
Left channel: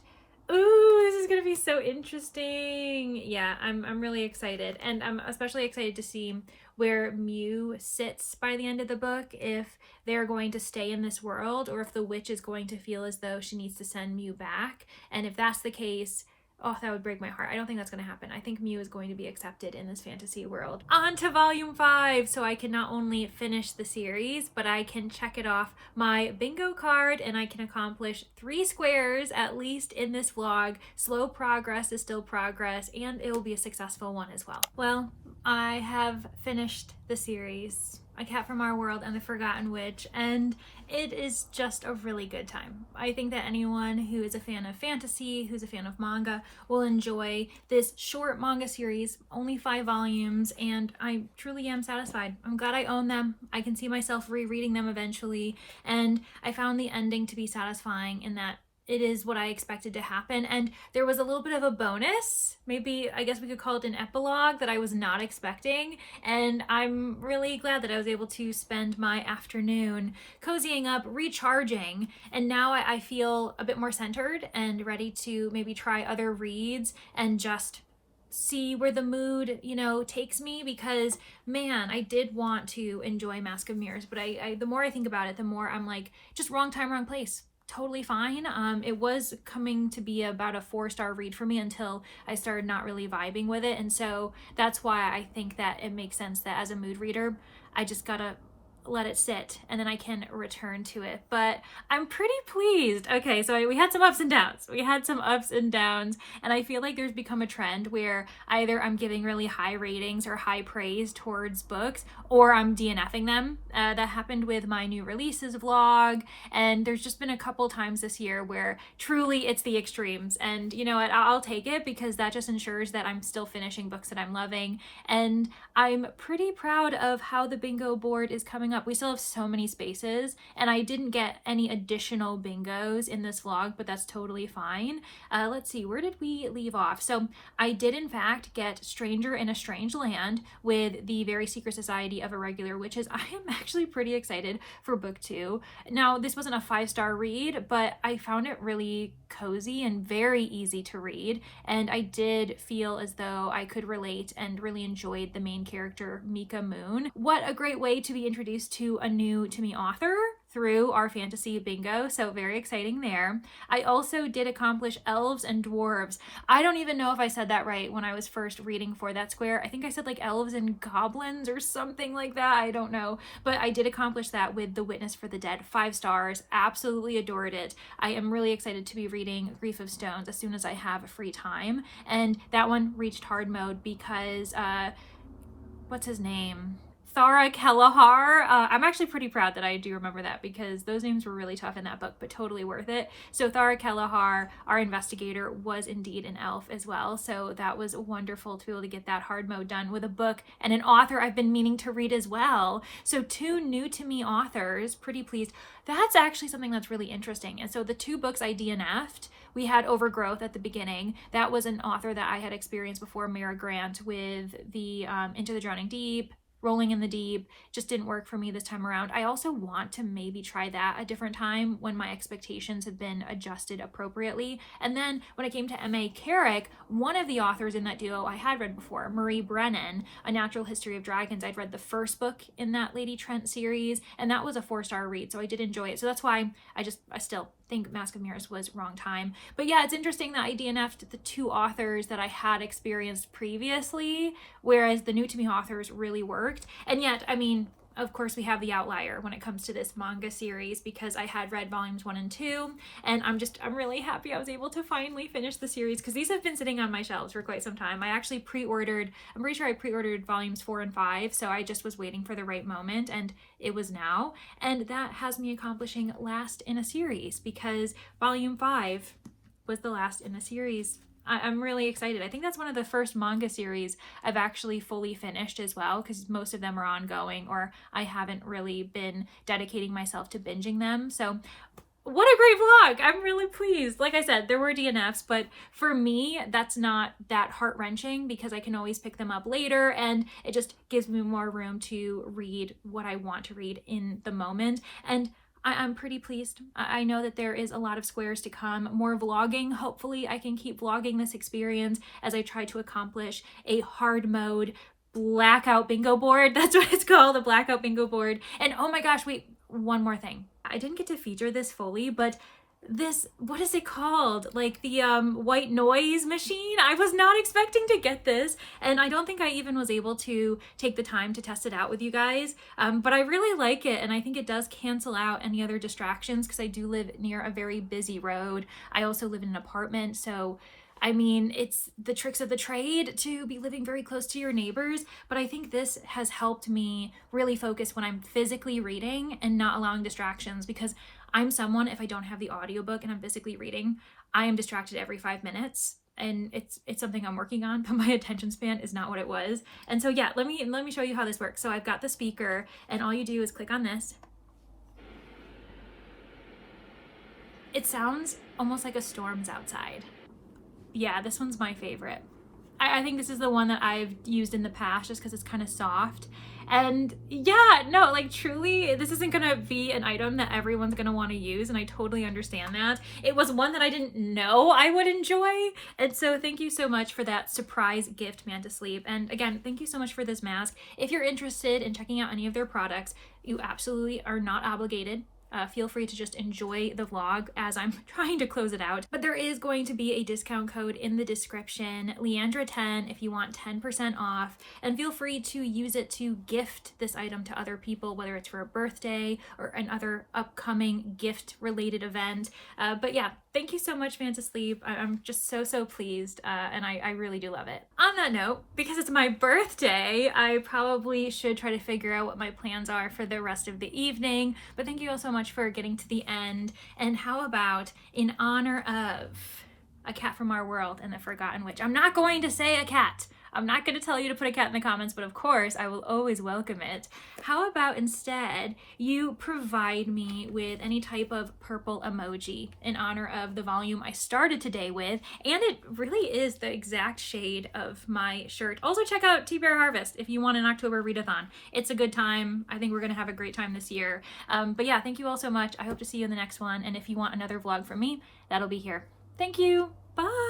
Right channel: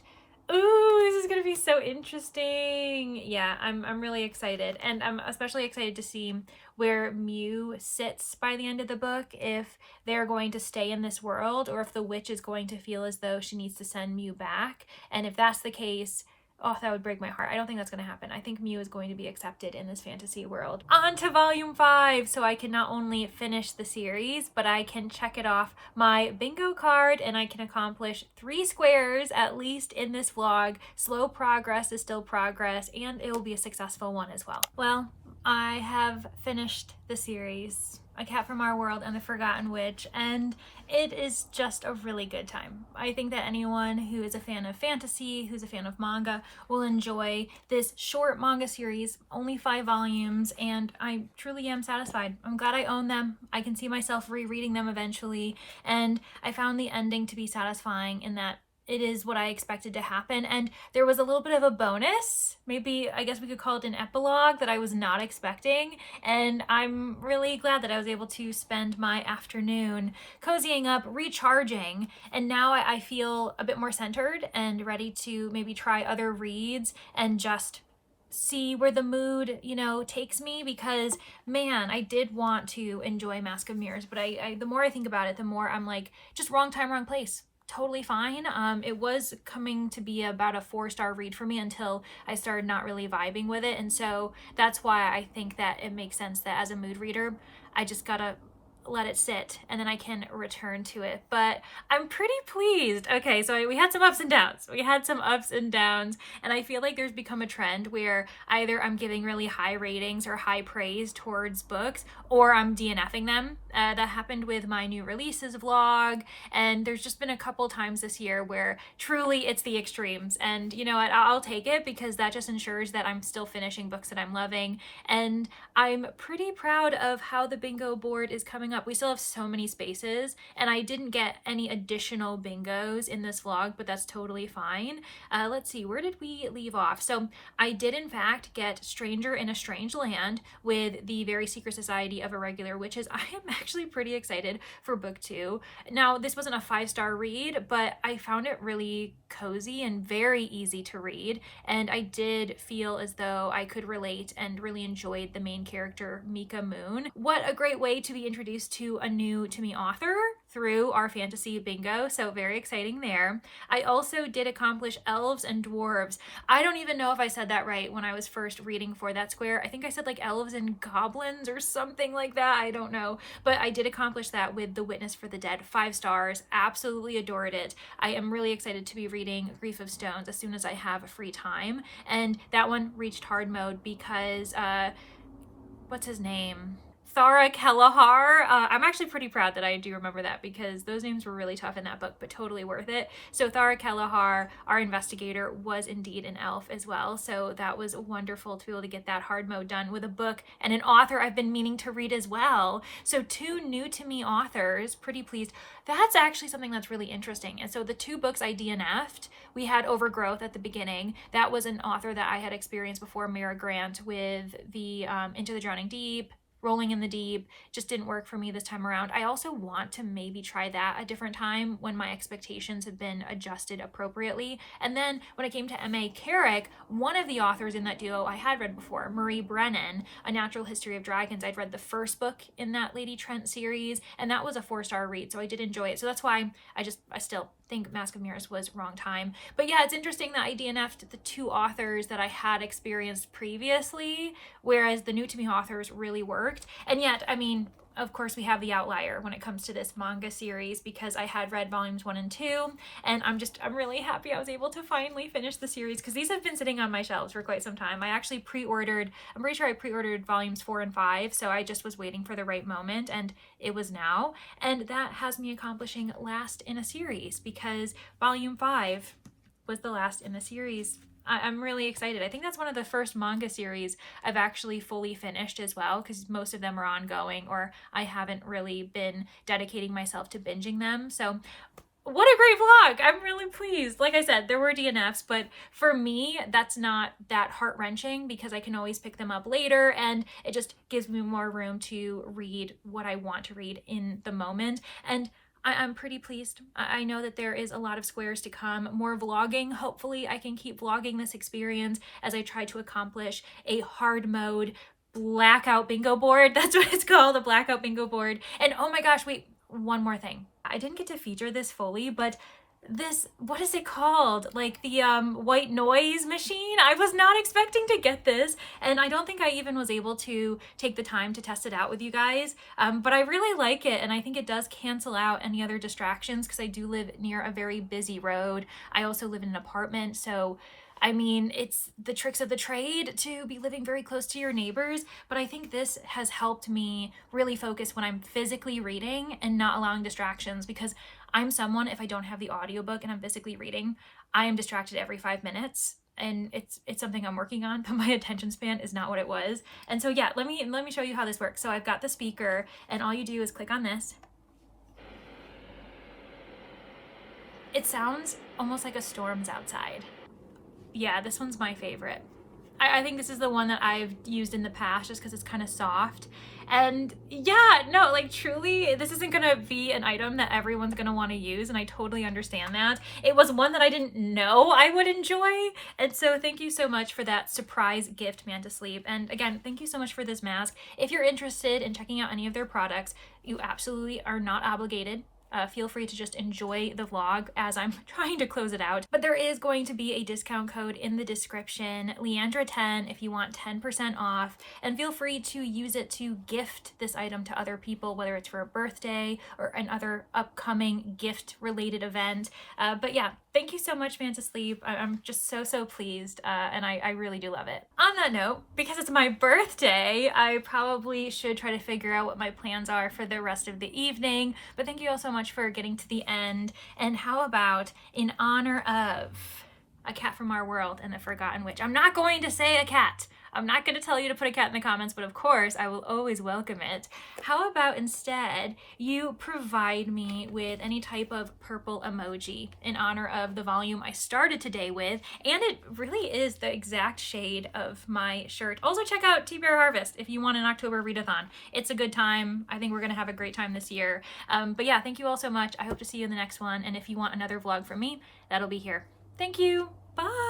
Ooh, this is gonna be so interesting. Yeah, I'm really excited, and I'm especially excited to see where Mew sits by the end of the book, if they're going to stay in this world or if the witch is going to feel as though she needs to send Mew back. And if that's the case, Oh, that would break my heart. I don't think that's going to happen. I think Mew is going to be accepted in this fantasy world. On to volume 5. So I can not only finish the series, but I can check it off my bingo card and I can accomplish 3 squares at least in this vlog. Slow progress is still progress and it will be a successful one as well. Well, I have finished the series, A Cat from Our World and the Forgotten Witch, and it is just a really good time. I think that anyone who is a fan of fantasy, who's a fan of manga, will enjoy this short manga series, only 5 volumes, and I truly am satisfied. I'm glad I own them. I can see myself rereading them eventually, and I found the ending to be satisfying in that it is what I expected to happen, and there was a little bit of a bonus, maybe I guess we could call it an epilogue, that I was not expecting, and I'm really glad that I was able to spend my afternoon cozying up, recharging, and now I feel a bit more centered and ready to maybe try other reads and just see where the mood, takes me, because man, I did want to enjoy Mask of Mirrors, but I the more I think about it, the more I'm like, just wrong time, wrong place. Totally fine. It was coming to be about a 4-star read for me until I started not really vibing with it. And so that's why I think that it makes sense that as a mood reader, I just gotta let it sit and then I can return to it. But I'm pretty pleased. Okay, so we had some ups and downs. And I feel like there's become a trend where either I'm giving really high ratings or high praise towards books, or I'm DNFing them. That happened with my new releases vlog, and there's just been a couple times this year where truly it's the extremes. And you know what, I'll take it, because that just ensures that I'm still finishing books that I'm loving. And I'm pretty proud of how the bingo board is coming up. We still have so many spaces, and I didn't get any additional bingos in this vlog, but that's totally fine. Let's see, where did we leave off? So I did in fact get Stranger in a Strange Land with the Very Secret Society of Irregular Witches. I am actually pretty excited for book 2. Now, this wasn't a 5-star read, but I found it really cozy and very easy to read, and I did feel as though I could relate and really enjoyed the main character, Mika Moon. What a great way to be introduced to a new to me author through our fantasy bingo, so very exciting there. I also did accomplish Elves and Dwarves. I don't even know if I said that right when I was first reading for that square. I think I said like Elves and Goblins or something like that. I don't know, but I did accomplish that with The Witness for the Dead. 5 stars. Absolutely adored it. I am really excited to be reading Grief of Stones as soon as I have free time, and that one reached hard mode because what's his name? Thara Kelleher. I'm actually pretty proud that I do remember that, because those names were really tough in that book, but totally worth it. So Thara Kelleher, our investigator, was indeed an elf as well. So that was wonderful to be able to get that hard mode done with a book and an author I've been meaning to read as well. So 2 new to me authors, pretty pleased. That's actually something that's really interesting. And so the 2 books I DNF'd, we had Overgrowth at the beginning. That was an author that I had experienced before, Mara Grant, with the Into the Drowning Deep, Rolling in the Deep. Just didn't work for me this time around. I also want to maybe try that a different time when my expectations have been adjusted appropriately. And then when it came to M.A. Carrick, one of the authors in that duo I had read before, Marie Brennan, A Natural History of Dragons. I'd read the first book in that Lady Trent series, and that was a 4-star read, so I did enjoy it. So that's why I still think Mask of Mirrors was wrong time. But yeah, it's interesting that I DNF'd the 2 authors that I had experienced previously, whereas the new to me authors really worked. And yet, I mean, of course, we have the outlier when it comes to this manga series, because I had read volumes 1 and 2, and I'm really happy I was able to finally finish the series, because these have been sitting on my shelves for quite some time. I actually I'm pretty sure I pre-ordered volumes 4 and 5, so I just was waiting for the right moment, and it was now. And that has me accomplishing last in a series, because volume 5 was the last in a series. I'm really excited. I think that's one of the first manga series I've actually fully finished as well, because most of them are ongoing, or I haven't really been dedicating myself to binging them. So what a great vlog. I'm really pleased. Like I said, there were DNFs, but for me, that's not that heart-wrenching, because I can always pick them up later, and it just gives me more room to read what I want to read in the moment. And I'm pretty pleased. I know that there is a lot of squares to come, more vlogging. Hopefully I can keep vlogging this experience as I try to accomplish a hard mode blackout bingo board. That's what it's called, a blackout bingo board. And oh my gosh, wait, one more thing. I didn't get to feature this fully, but this, what is it called? Like the white noise machine. I was not expecting to get this, and I don't think I even was able to take the time to test it out with you guys, but I really like it, and I think it does cancel out any other distractions because I do live near a very busy road. I also live in an apartment, so I mean, it's the tricks of the trade to be living very close to your neighbors, but I think this has helped me really focus when I'm physically reading and not allowing distractions, because I'm someone, if I don't have the audiobook and I'm physically reading, I am distracted every 5 minutes. And it's something I'm working on, but my attention span is not what it was. And so yeah, let me show you how this works. So I've got the speaker, and all you do is click on this. It sounds almost like a storm's outside. Yeah, this one's my favorite. I think this is the one that I've used in the past just because it's kind of soft. And yeah, no, like truly, this isn't gonna be an item that everyone's gonna want to use, and I totally understand that. It was one that I didn't know I would enjoy, and so thank you so much for that surprise gift, Manta Sleep. And again, thank you so much for this mask. If you're interested in checking out any of their products, you absolutely are not obligated. Feel free to just enjoy the vlog as I'm trying to close it out. But there is going to be a discount code in the description, Leandra10, if you want 10% off. And feel free to use it to gift this item to other people, whether it's for a birthday or another upcoming gift-related event. But yeah, thank you so much, Manta Sleep. I'm just so pleased, and I really do love it. On that note, because it's my birthday, I probably should try to figure out what my plans are for the rest of the evening. But thank you all so much for getting to the end. And how about, in honor of a cat from our world and the Forgotten Witch? I'm not going to say a cat. I'm not going to tell you to put a cat in the comments, but of course I will always welcome it. How about instead you provide me with any type of purple emoji in honor of the volume I started today with, and it really is the exact shade of my shirt. Also check out Tea Bear Harvest if you want an October readathon. It's a good time. I think we're going to have a great time this year. But yeah, thank you all so much. I hope to see you in the next one, and if you want another vlog from me, that'll be here. Thank you. Bye.